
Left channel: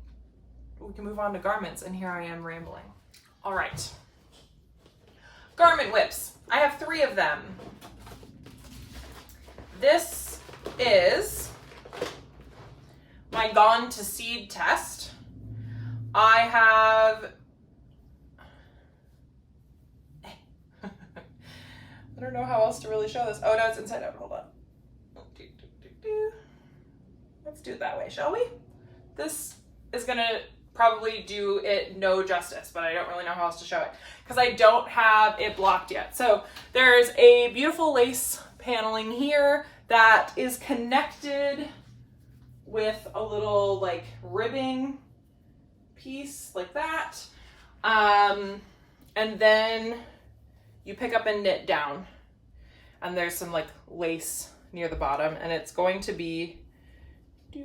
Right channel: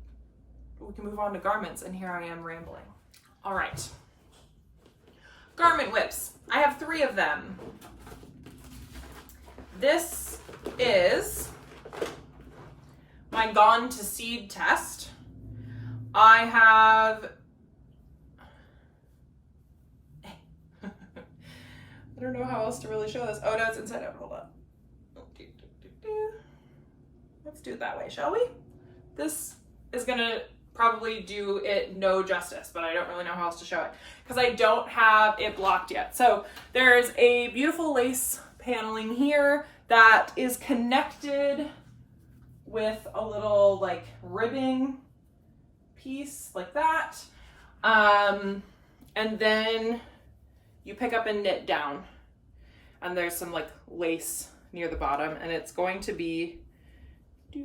we can move on to garments, and here I am rambling. All right. Garment whips. I have 3 of them. This is my Gone to Seed test. I have I don't know how else to really show this. Oh no, it's inside out. Hold on. Let's do it that way, shall we? This is gonna probably do it no justice, but I don't really know how else to show it because I don't have it blocked yet. So there's a beautiful lace paneling here that is connected with a little like ribbing piece like that. And then you pick up and knit down, and there's some like lace near the bottom, and it's going to be, there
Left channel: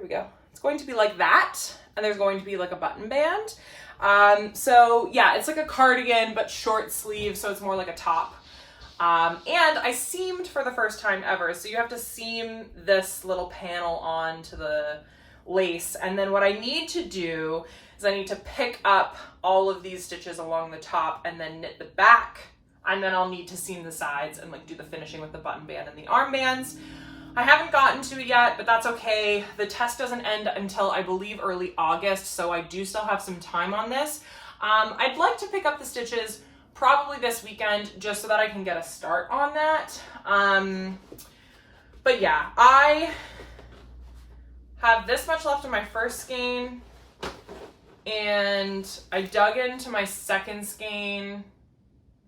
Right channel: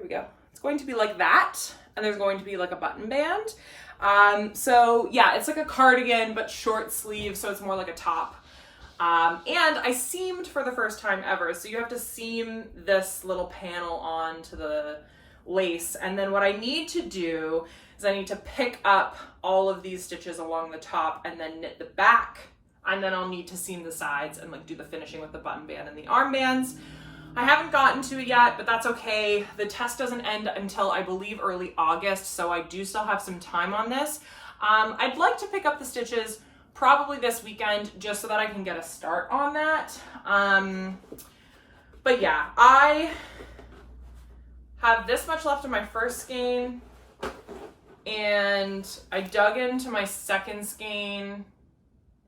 we go. It's going to be like that, and there's going to be like a button band. So yeah, it's like a cardigan, but short sleeve, so it's more like a top. And I seamed for the first time ever. So you have to seam this little panel onto the lace. And then what I need to do is I need to pick up all of these stitches along the top and then knit the back. And then I'll need to seam the sides and like do the finishing with the button band and the armbands. I haven't gotten to it yet, but that's okay. The test doesn't end until I believe early August, so I do still have some time on this. I'd like to pick up the stitches probably this weekend just so that I can get a start on that. But yeah, I have this much left of my first skein, and I dug into my second skein.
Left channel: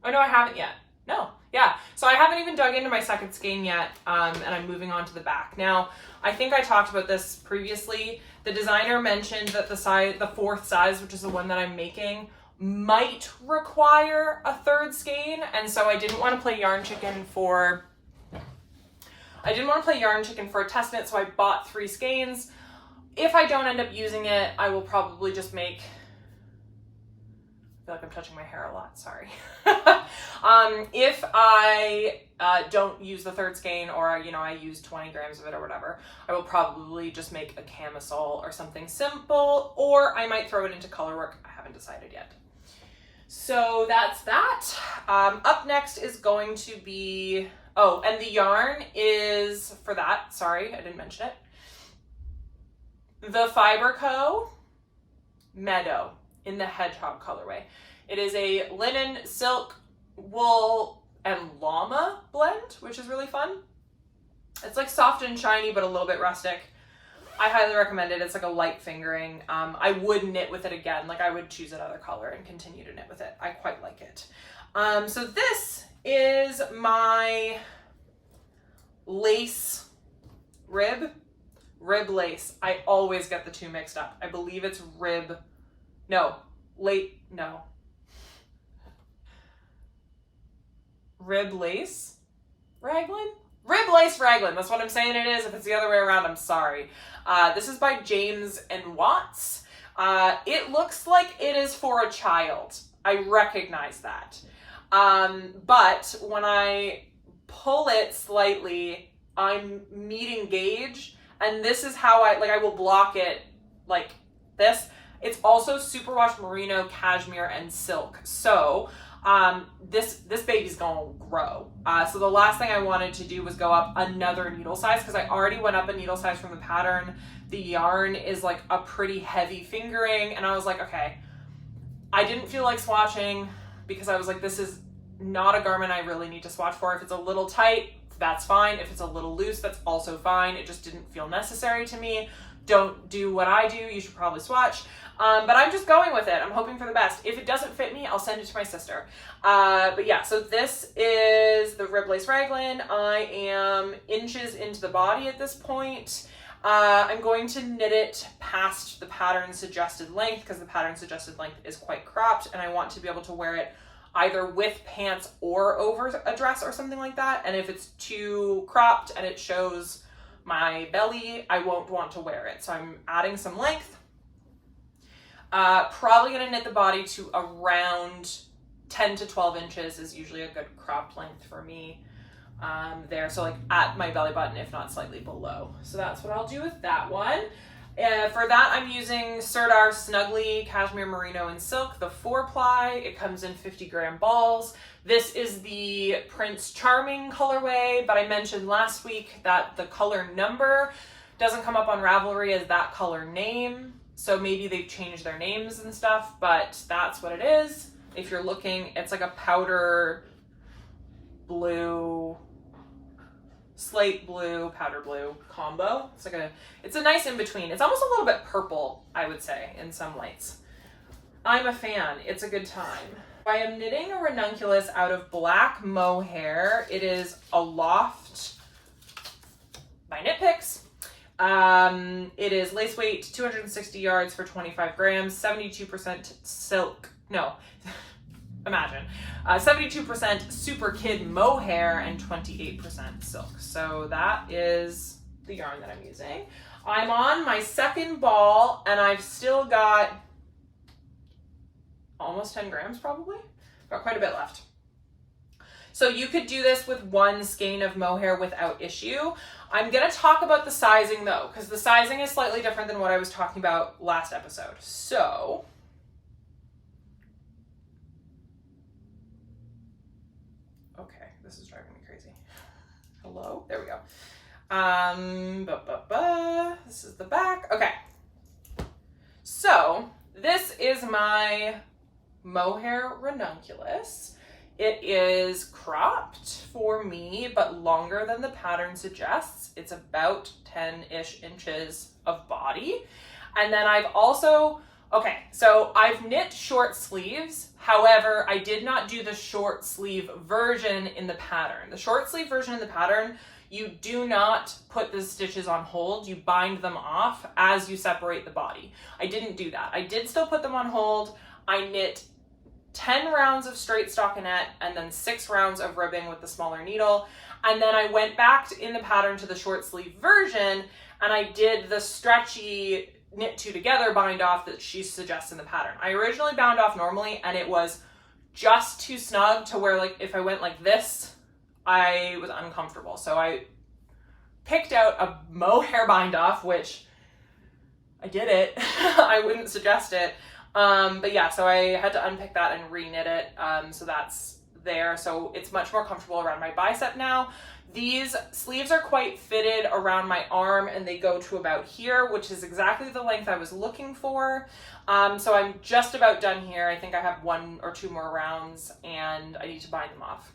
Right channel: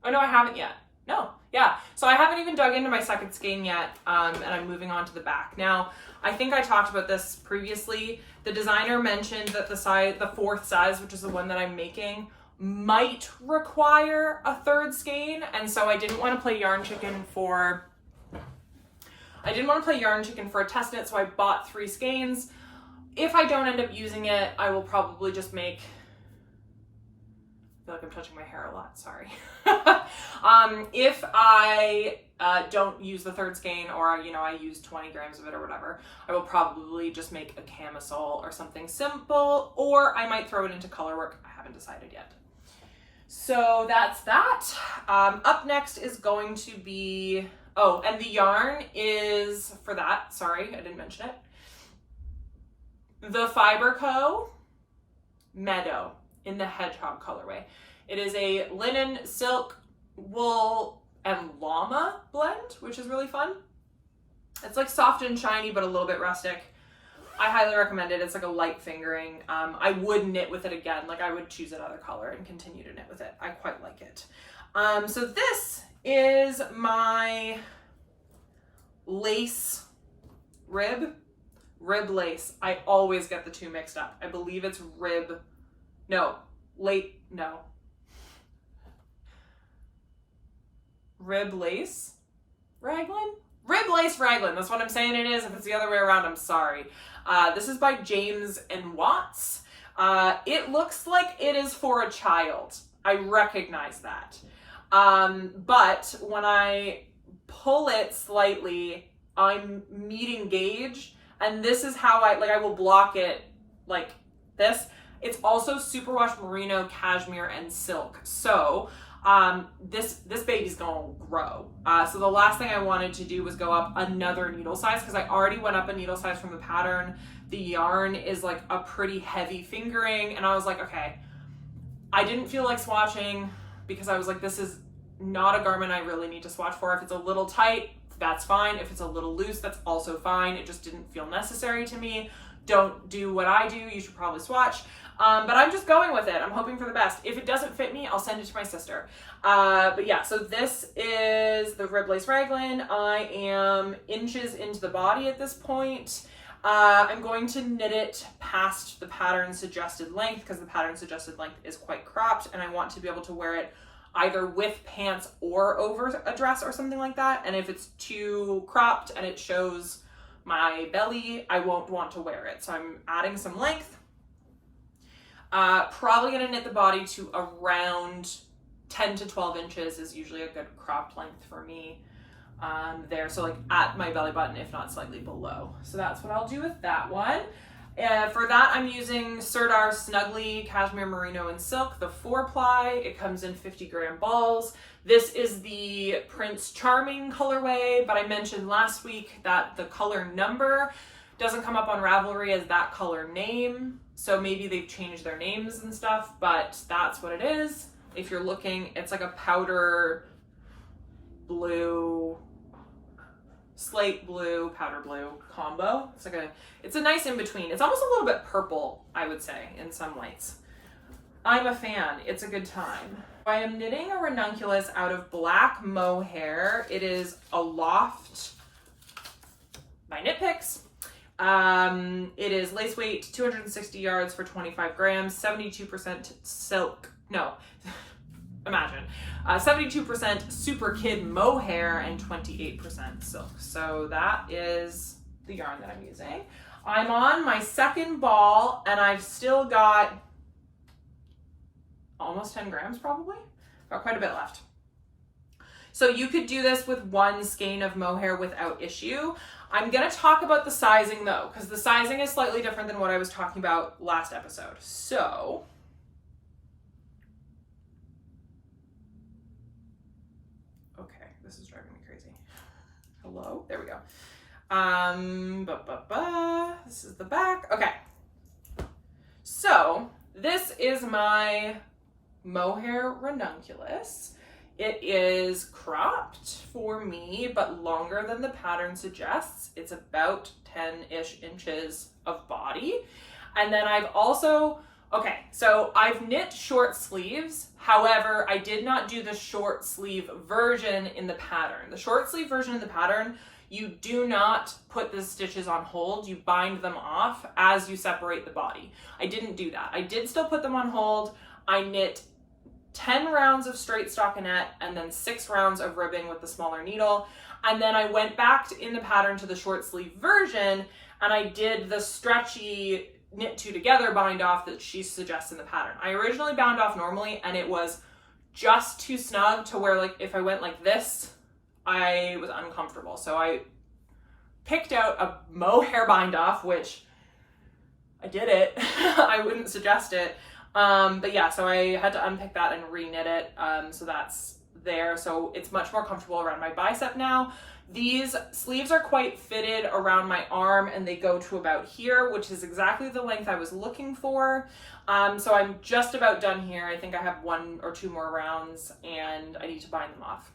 Oh no, I haven't yet. No, yeah. So I haven't even dug into my second skein yet, and I'm moving on to the back. Now, I think I talked about this previously. The designer mentioned that the 4th size, which is the one that I'm making, might require a 3rd skein, and so I didn't want to play yarn chicken for a test knit, so I bought 3 skeins. If I don't end up using it, I will probably just make, I feel like I'm touching my hair a lot, sorry. If I don't use the 3rd skein, or you know, I use 20 grams of it or whatever, I will probably just make a camisole or something simple, or I might throw it into color work. I haven't decided yet. So that's that. Up next is going to be, oh, and the yarn is for that, sorry, I didn't mention it. The Fiber Co. Meadow in the Hedgehog colorway. It is a linen, silk, wool, and llama blend, which is really fun. It's like soft and shiny, but a little bit rustic. I highly recommend it. It's like a light fingering. I would knit with it again. Like I would choose another color and continue to knit with it. I quite like it. So this is my lace rib lace. I always get the two mixed up. I believe it's rib lace Raglan? Rib Lace Raglan, that's what I'm saying it is. If it's the other way around, I'm sorry. This is by James and Watts. It looks like it is for a child. I recognize that. But when I pull it slightly, I'm meeting gauge, and this is how I will block it like this. It's also superwash merino, cashmere, and silk. So this baby's gonna grow. So the last thing I wanted to do was go up another needle size, because I already went up a needle size from the pattern. The yarn is like a pretty heavy fingering, and I was like, okay, I didn't feel like swatching, because I was like, this is not a garment I really need to swatch for. If it's a little tight, that's fine. If it's a little loose, that's also fine. It just didn't feel necessary to me. Don't do what I do. You should probably swatch. But I'm just going with it. I'm hoping for the best. If it doesn't fit me, I'll send it to my sister. But yeah, so this is the Rib Lace Raglan. I am inches into the body at this point. I'm going to knit it past the pattern suggested length, because the pattern suggested length is quite cropped, and I want to be able to wear it either with pants or over a dress or something like that. And if it's too cropped and it shows my belly, I won't want to wear it. So I'm adding some length. Probably gonna knit the body to around 10 to 12 inches is usually a good cropped length for me there. So like at my belly button, if not slightly below. So that's what I'll do with that one. For that, I'm using Sirdar Snuggly Cashmere Merino and Silk, the 4-ply. It comes in 50-gram balls. This is the Prince Charming colorway, but I mentioned last week that the color number doesn't come up on Ravelry as that color name. So maybe they've changed their names and stuff, but that's what it is. If you're looking, it's like a powder blue, slate blue, powder blue combo. It's a nice in-between. It's almost a little bit purple, I would say, in some lights. I'm a fan. It's a good time. I am knitting a ranunculus out of black mohair. It is Aloft by Knitpicks. It is lace weight, 260 yards for 25 grams, 72% silk. No, imagine. 72% super kid mohair and 28% silk. So that is the yarn that I'm using. I'm on my second ball, and I've still got almost 10 grams probably. Got quite a bit left. So you could do this with one skein of mohair without issue. I'm going to talk about the sizing though, because the sizing is slightly different than what I was talking about last episode. So okay, this is driving me crazy. Hello, there we go. This is the back. Okay, so this is my mohair ranunculus. It is cropped for me, but longer than the pattern suggests. It's about 10-ish inches of body. And then I've also, okay, so I've knit short sleeves. However, I did not do the short sleeve version in the pattern. The short sleeve version in the pattern, you do not put the stitches on hold. You bind them off as you separate the body. I didn't do that. I did still put them on hold. I knit 10 rounds of straight stockinette and then 6 rounds of ribbing with the smaller needle. And then I went back in the pattern to the short sleeve version, and I did the stretchy knit 2 together bind off that she suggests in the pattern. I originally bound off normally, and it was just too snug to where, like, if I went like this, I was uncomfortable. So I picked out a mohair bind off, which I did it. I wouldn't suggest it. But yeah, so I had to unpick that and re-knit it. So that's there. So it's much more comfortable around my bicep now. These sleeves are quite fitted around my arm, and they go to about here, which is exactly the length I was looking for. So I'm just about done here. I think I have 1 or 2 more rounds, and I need to bind them off.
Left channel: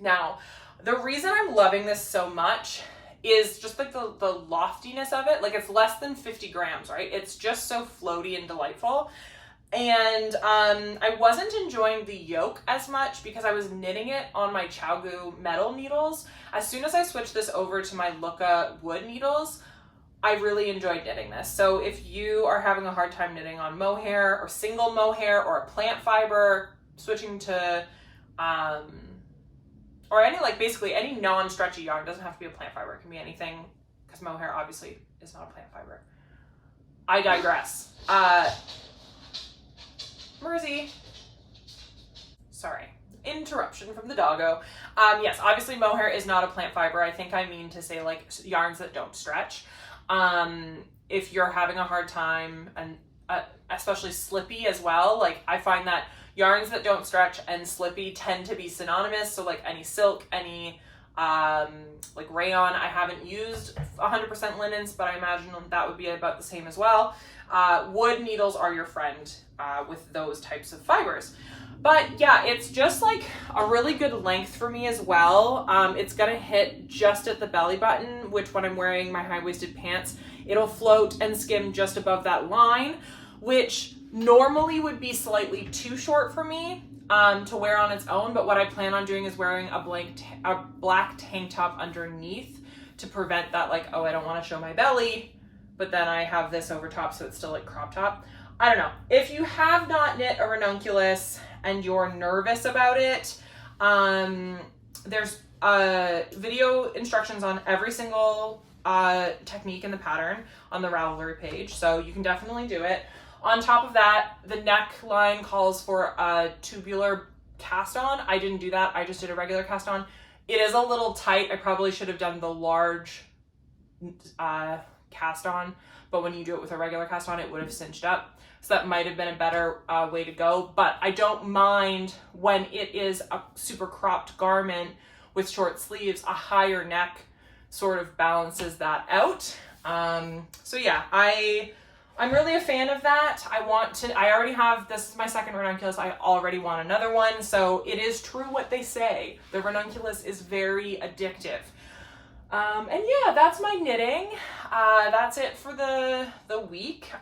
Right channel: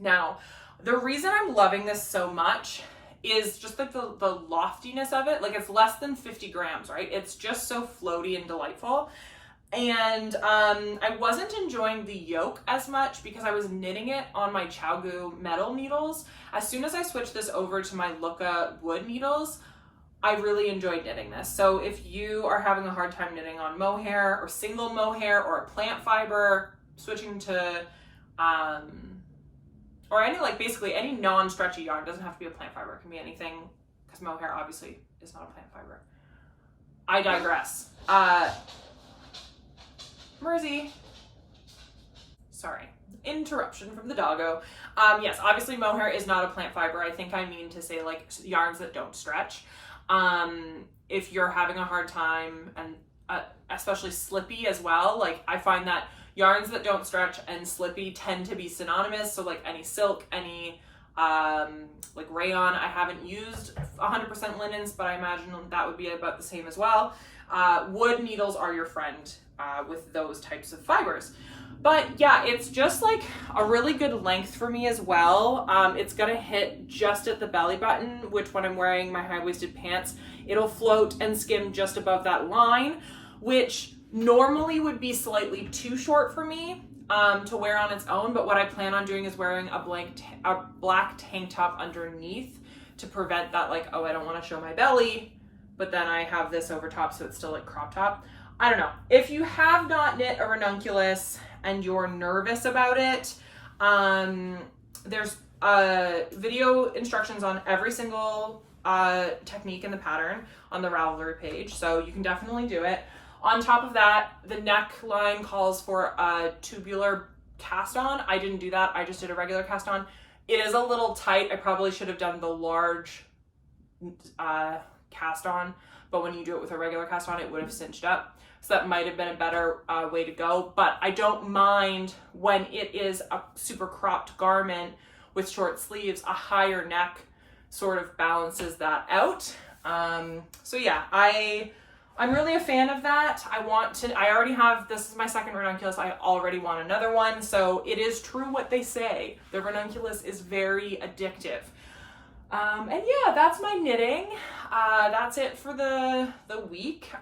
Now, the reason I'm loving this so much is just like the loftiness of it. Like, it's less than 50 grams, right? It's just so floaty and delightful. And I wasn't enjoying the yoke as much because I was knitting it on my Chaogu metal needles. As soon as I switched this over to my Luca wood needles, I really enjoyed knitting this. So if you are having a hard time knitting on mohair or single mohair or a plant fiber, switching to, or any, like basically any non-stretchy yarn, doesn't have to be a plant fiber, it can be anything, because mohair obviously is not a plant fiber. I digress. Mersey. Sorry, interruption from the doggo. Yes, obviously mohair is not a plant fiber. I think I mean to say like yarns that don't stretch. If you're having a hard time, and especially slippy as well, like I find that yarns that don't stretch and slippy tend to be synonymous. So like any silk, any like rayon. I haven't used 100% linens, but I imagine that would be about the same as well. Wood needles are your friend with those types of fibers. But yeah, it's just like a really good length for me as well. It's gonna hit just at the belly button, which when I'm wearing my high-waisted pants, it'll float and skim just above that line, which normally would be slightly too short for me to wear on its own. But what I plan on doing is wearing a black tank top underneath to prevent that, like, oh, I don't want to show my belly, but then I have this over top, so it's still like crop top. I don't know. If you have not knit a ranunculus and you're nervous about it, there's video instructions on every single technique in the pattern on the Ravelry page, so you can definitely do it. On top of that, the neckline calls for a tubular cast on. I didn't do that. I just did a regular cast on. It is a little tight. I probably should have done the large cast on, but when you do it with a regular cast on, it would have cinched up. So that might have been a better way to go. But I don't mind when it is a super cropped garment with short sleeves. A higher neck sort of balances that out. So yeah, I'm really a fan of that. I already have, this is my second ranunculus. I already want another one. So it is true what they say. The ranunculus is very addictive. And yeah, that's my knitting. That's it for the week.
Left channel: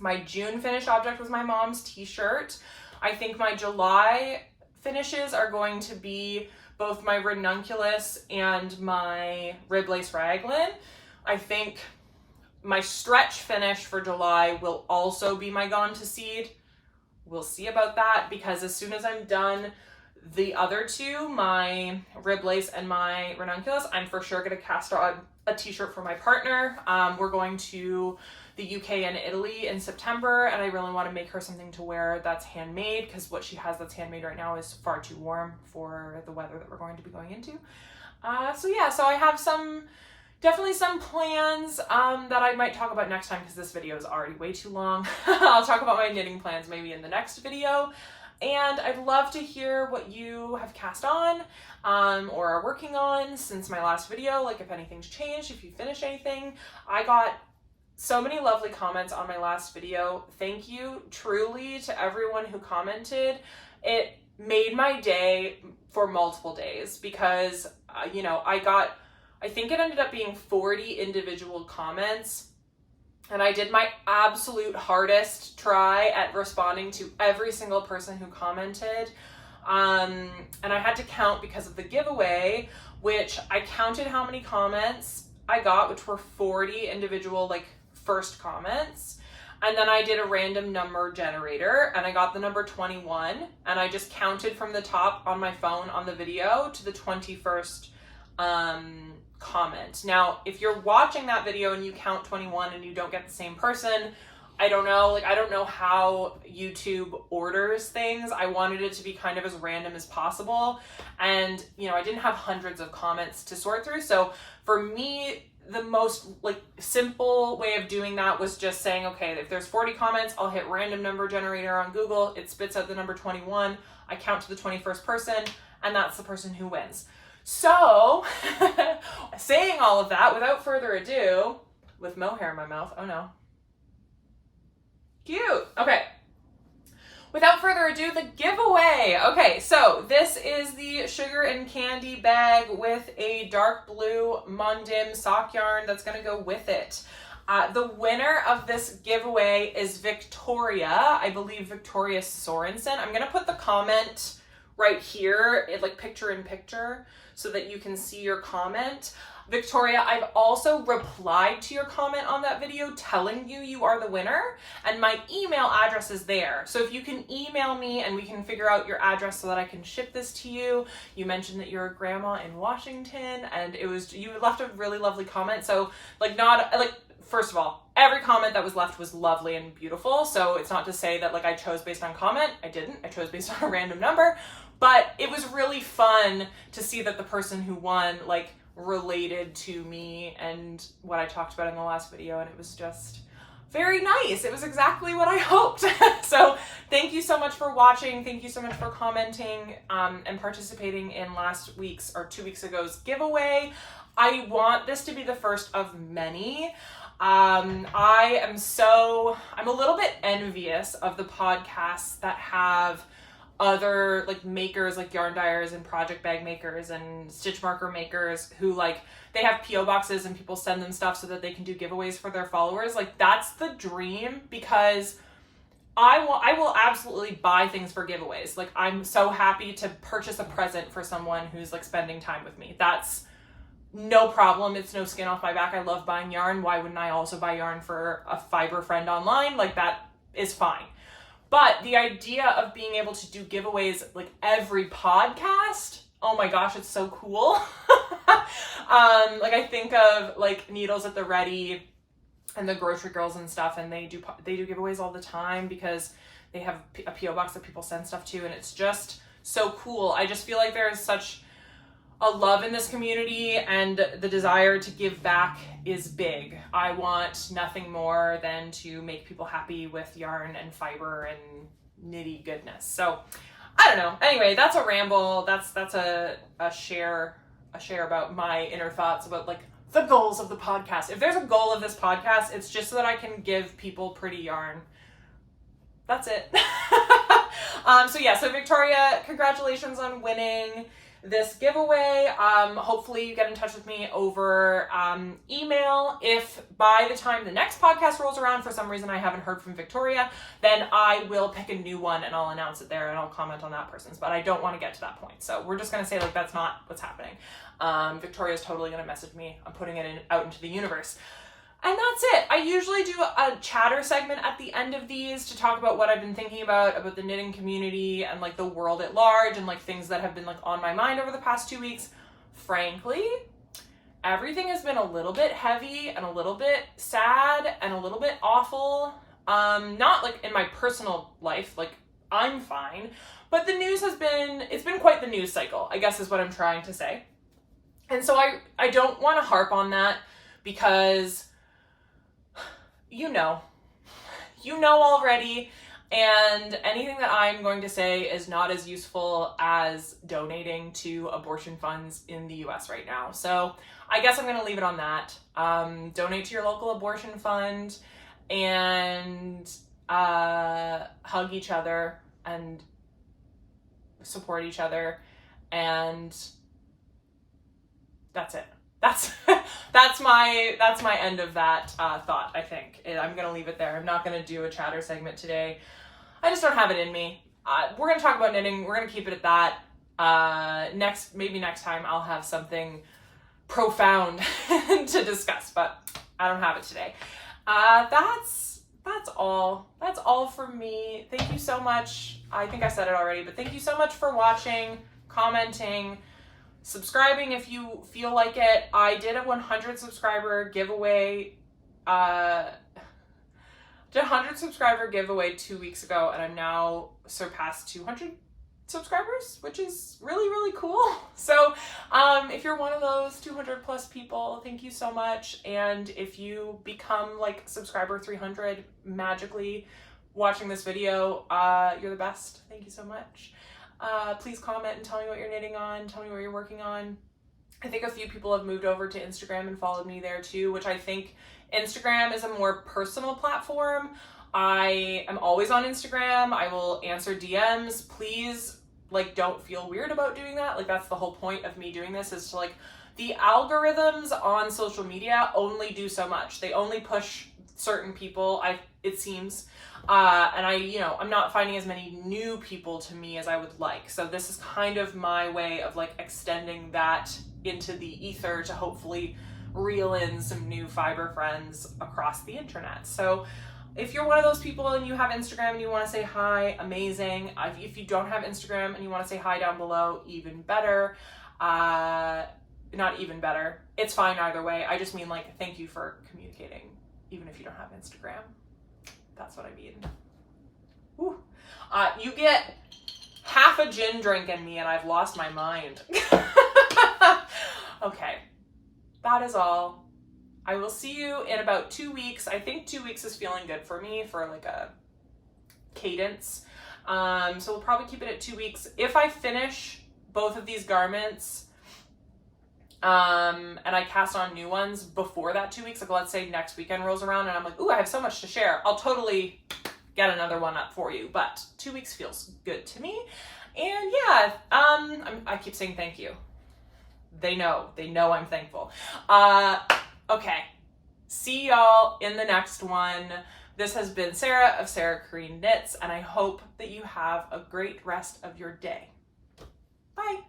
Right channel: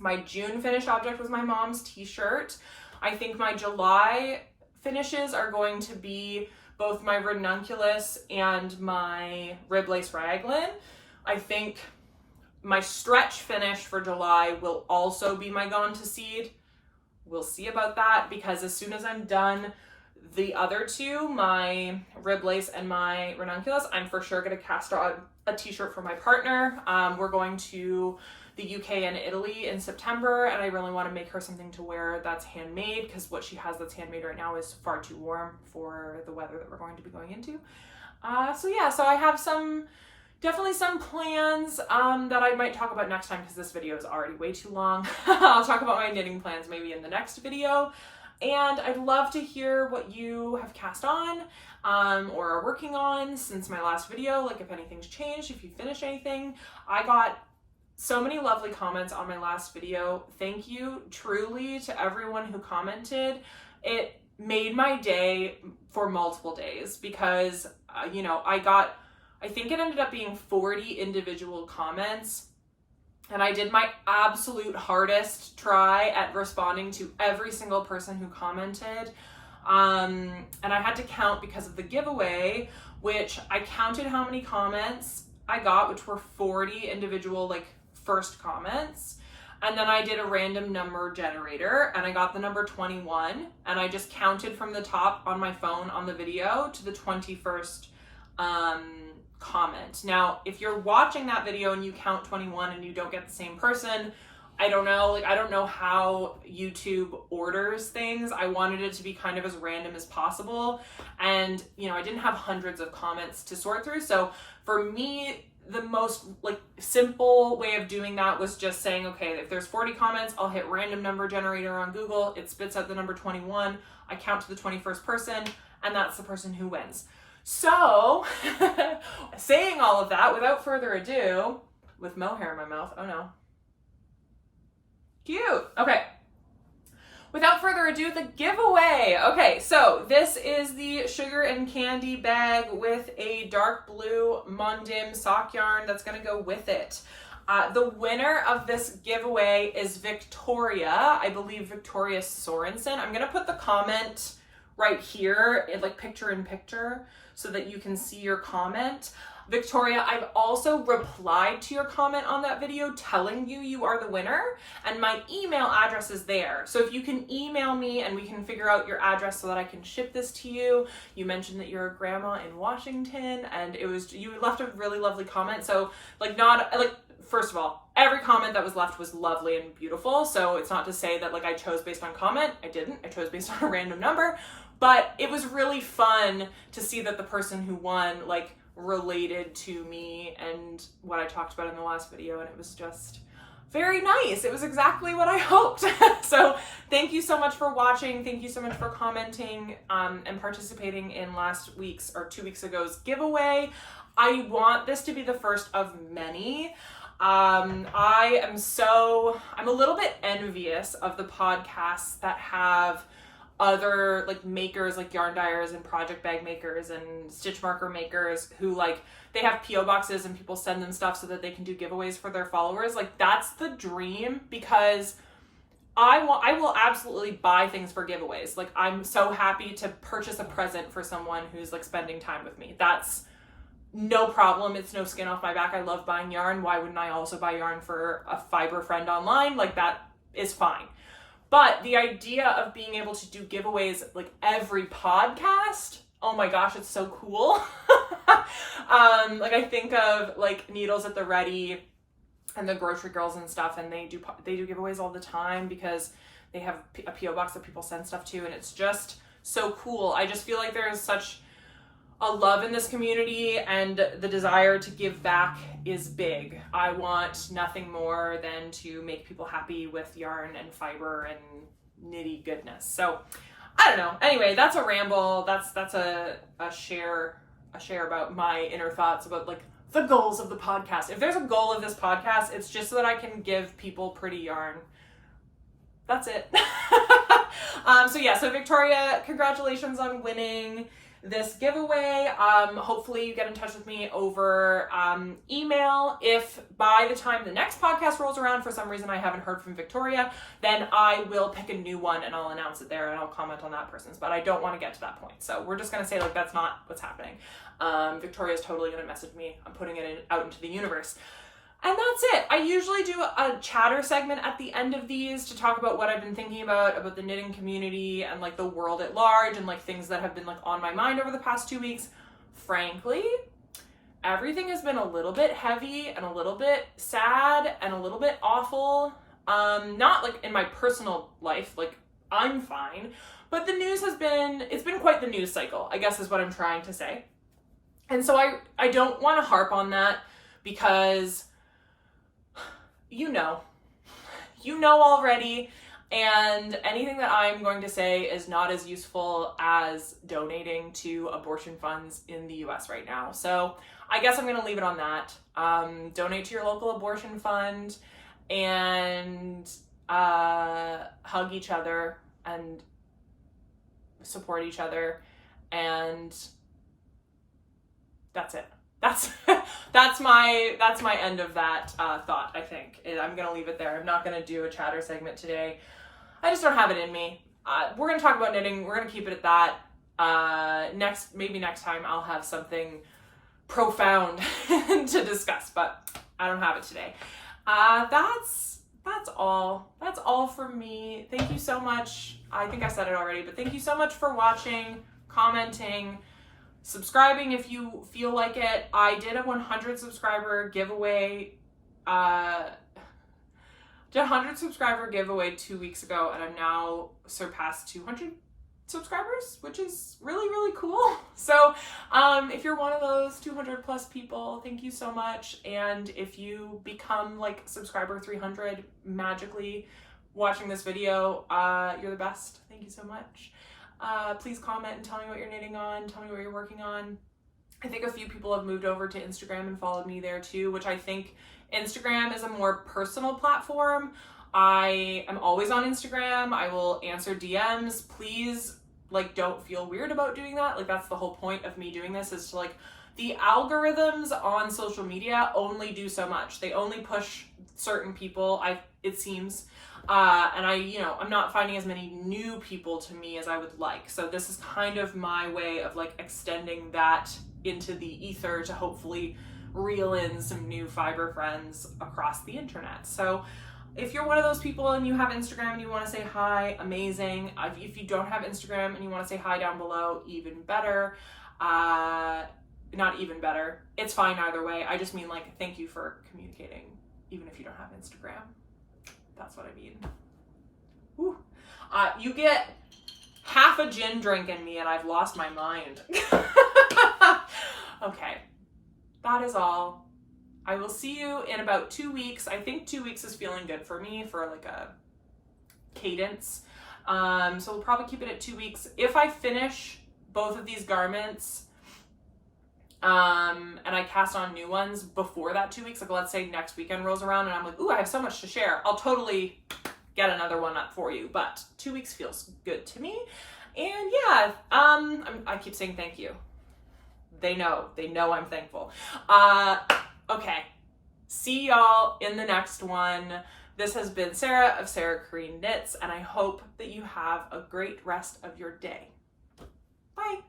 My June finished object was my mom's t-shirt. I think my July finishes are going to be both my ranunculus and my rib lace raglan. I think my stretch finish for July will also be my Gone to Seed. We'll see about that, because as soon as I'm done the other two, my rib lace and my ranunculus, I'm for sure going to cast on a t-shirt for my partner. We're going to the UK and Italy in September, and I really want to make her something to wear that's handmade, because what she has that's handmade right now is far too warm for the weather that we're going to be going into. So yeah, so I have definitely some plans that I might talk about next time, because this video is already way too long. I'll talk about my knitting plans maybe in the next video. And I'd love to hear what you have cast on or are working on since my last video, like if anything's changed, if you finished anything. I got so many lovely comments on my last video. Thank you truly to everyone who commented. It made my day for multiple days, because, you know, I think it ended up being 40 individual comments. And I did my absolute hardest try at responding to every single person who commented. And I had to count because of the giveaway, which I counted how many comments I got, which were 40 individual, like, first comments. And then I did a random number generator, and I got the number 21. And I just counted from the top on my phone on the video to the 21st comment. Now, if you're watching that video and you count 21 and you don't get the same person, I don't know. Like, I don't know how YouTube orders things. I wanted it to be kind of as random as possible. And, you know, I didn't have hundreds of comments to sort through. So for me, the most like simple way of doing that was just saying, okay, if there's 40 comments, I'll hit random number generator on Google. It spits out the number 21. I count to the 21st person, and that's the person who wins. So, saying all of that, without further ado, with mohair in my mouth, oh no. Cute. Okay. Without further ado, the giveaway. Okay, so this is the sugar and candy bag with a dark blue Mondim sock yarn that's gonna go with it. The winner of this giveaway is Victoria. I believe Victoria Sorensen. I'm going to put the comment right here, like picture in picture, so that you can see your comment. Victoria, I've also replied to your comment on that video telling you are the winner, and my email address is there. So if you can email me and we can figure out your address so that I can ship this to you. You mentioned that you're a grandma in Washington, and you left a really lovely comment. So first of all, every comment that was left was lovely and beautiful. So it's not to say that like I chose based on comment. I didn't. I chose based on a random number. But it was really fun to see that the person who won like related to me and what I talked about in the last video, and it was just very nice. It was exactly what I hoped. So thank you so much for watching. Thank you so much for commenting and participating in last week's or 2 weeks ago's giveaway. I want this to be the first of many. I'm a little bit envious of the podcasts that have other like makers, like yarn dyers and project bag makers and stitch marker makers who like they have PO boxes and people send them stuff so that they can do giveaways for their followers. Like that's the dream, because I will absolutely buy things for giveaways. Like I'm so happy to purchase a present for someone who's like spending time with me. That's no problem. It's no skin off my back. I love buying yarn. Why wouldn't I also buy yarn for a fiber friend online? Like that is fine. But the idea of being able to do giveaways like every podcast, oh my gosh, it's so cool. Like I think of like Needles at the Ready and the Grocery Girls and stuff, and they do giveaways all the time because they have a PO box that people send stuff to, and it's just so cool. I just feel like there's such a love in this community, and the desire to give back is big. I want nothing more than to make people happy with yarn and fiber and nitty goodness. So I don't know. Anyway, that's a ramble. That's a share about my inner thoughts about like the goals of the podcast. If there's a goal of this podcast, it's just so that I can give people pretty yarn. That's it. So Victoria, congratulations on winning this giveaway. Hopefully you get in touch with me over email. If by the time the next podcast rolls around, for some reason I haven't heard from Victoria, then I will pick a new one and I'll announce it there and I'll comment on that person's, but I don't want to get to that point. So we're just going to say like that's not what's happening. Victoria's totally going to message me. I'm putting it out into the universe. And that's it. I usually do a chatter segment at the end of these to talk about what I've been thinking about the knitting community and like the world at large and like things that have been like on my mind over the past 2 weeks. Frankly, everything has been a little bit heavy and a little bit sad and a little bit awful. Not like in my personal life, like I'm fine, but the news it's been quite the news cycle, I guess is what I'm trying to say. And so I don't want to harp on that because you know already, and anything that I'm going to say is not as useful as donating to abortion funds in the US right now. So I guess I'm going to leave it on that. Donate to your local abortion fund and hug each other and support each other, and that's it. That's my end of that thought, I think. I'm going to leave it there. I'm not going to do a chatter segment today. I just don't have it in me. We're going to talk about knitting. We're going to keep it at that. Maybe next time I'll have something profound to discuss, but I don't have it today. That's all. That's all from me. Thank you so much. I think I said it already, but thank you so much for watching, commenting, subscribing if you feel like it. I did a 100 subscriber giveaway. Did a 100 subscriber giveaway 2 weeks ago, and I'm now surpassed 200 subscribers, which is really, really cool. So if you're one of those 200 plus people, thank you so much. And if you become like subscriber 300 magically watching this video, you're the best. Thank you so much. Please comment and tell me what you're knitting on, tell me what you're working on. I think a few people have moved over to Instagram and followed me there too, which I think Instagram is a more personal platform. I am always on Instagram. I will answer DMs. Please, like, don't feel weird about doing that. Like, that's the whole point of me doing this, is to like the algorithms on social media only do so much. They only push certain people, it seems. And I'm not finding as many new people to me as I would like. So this is kind of my way of like extending that into the ether to hopefully reel in some new fiber friends across the internet. So if you're one of those people and you have Instagram and you want to say hi, amazing. If you don't have Instagram and you want to say hi down below, even better. Not even better. It's fine either way. I just mean like, thank you for communicating, even if you don't have Instagram. That's what I mean. Woo. You get half a gin drink in me and I've lost my mind. Okay, that is all. I will see you in about 2 weeks. I think 2 weeks is feeling good for me for like a cadence. So we'll probably keep it at 2 weeks. If I finish both of these garments, and I cast on new ones before that 2 weeks, like let's say next weekend rolls around and I'm like, ooh, I have so much to share, I'll totally get another one up for you. But 2 weeks feels good to me. And yeah, I keep saying thank you. They know I'm thankful. Okay, see y'all in the next one. This has been Sarah of Sarah Kareen Knits, and I hope that you have a great rest of your day. Bye.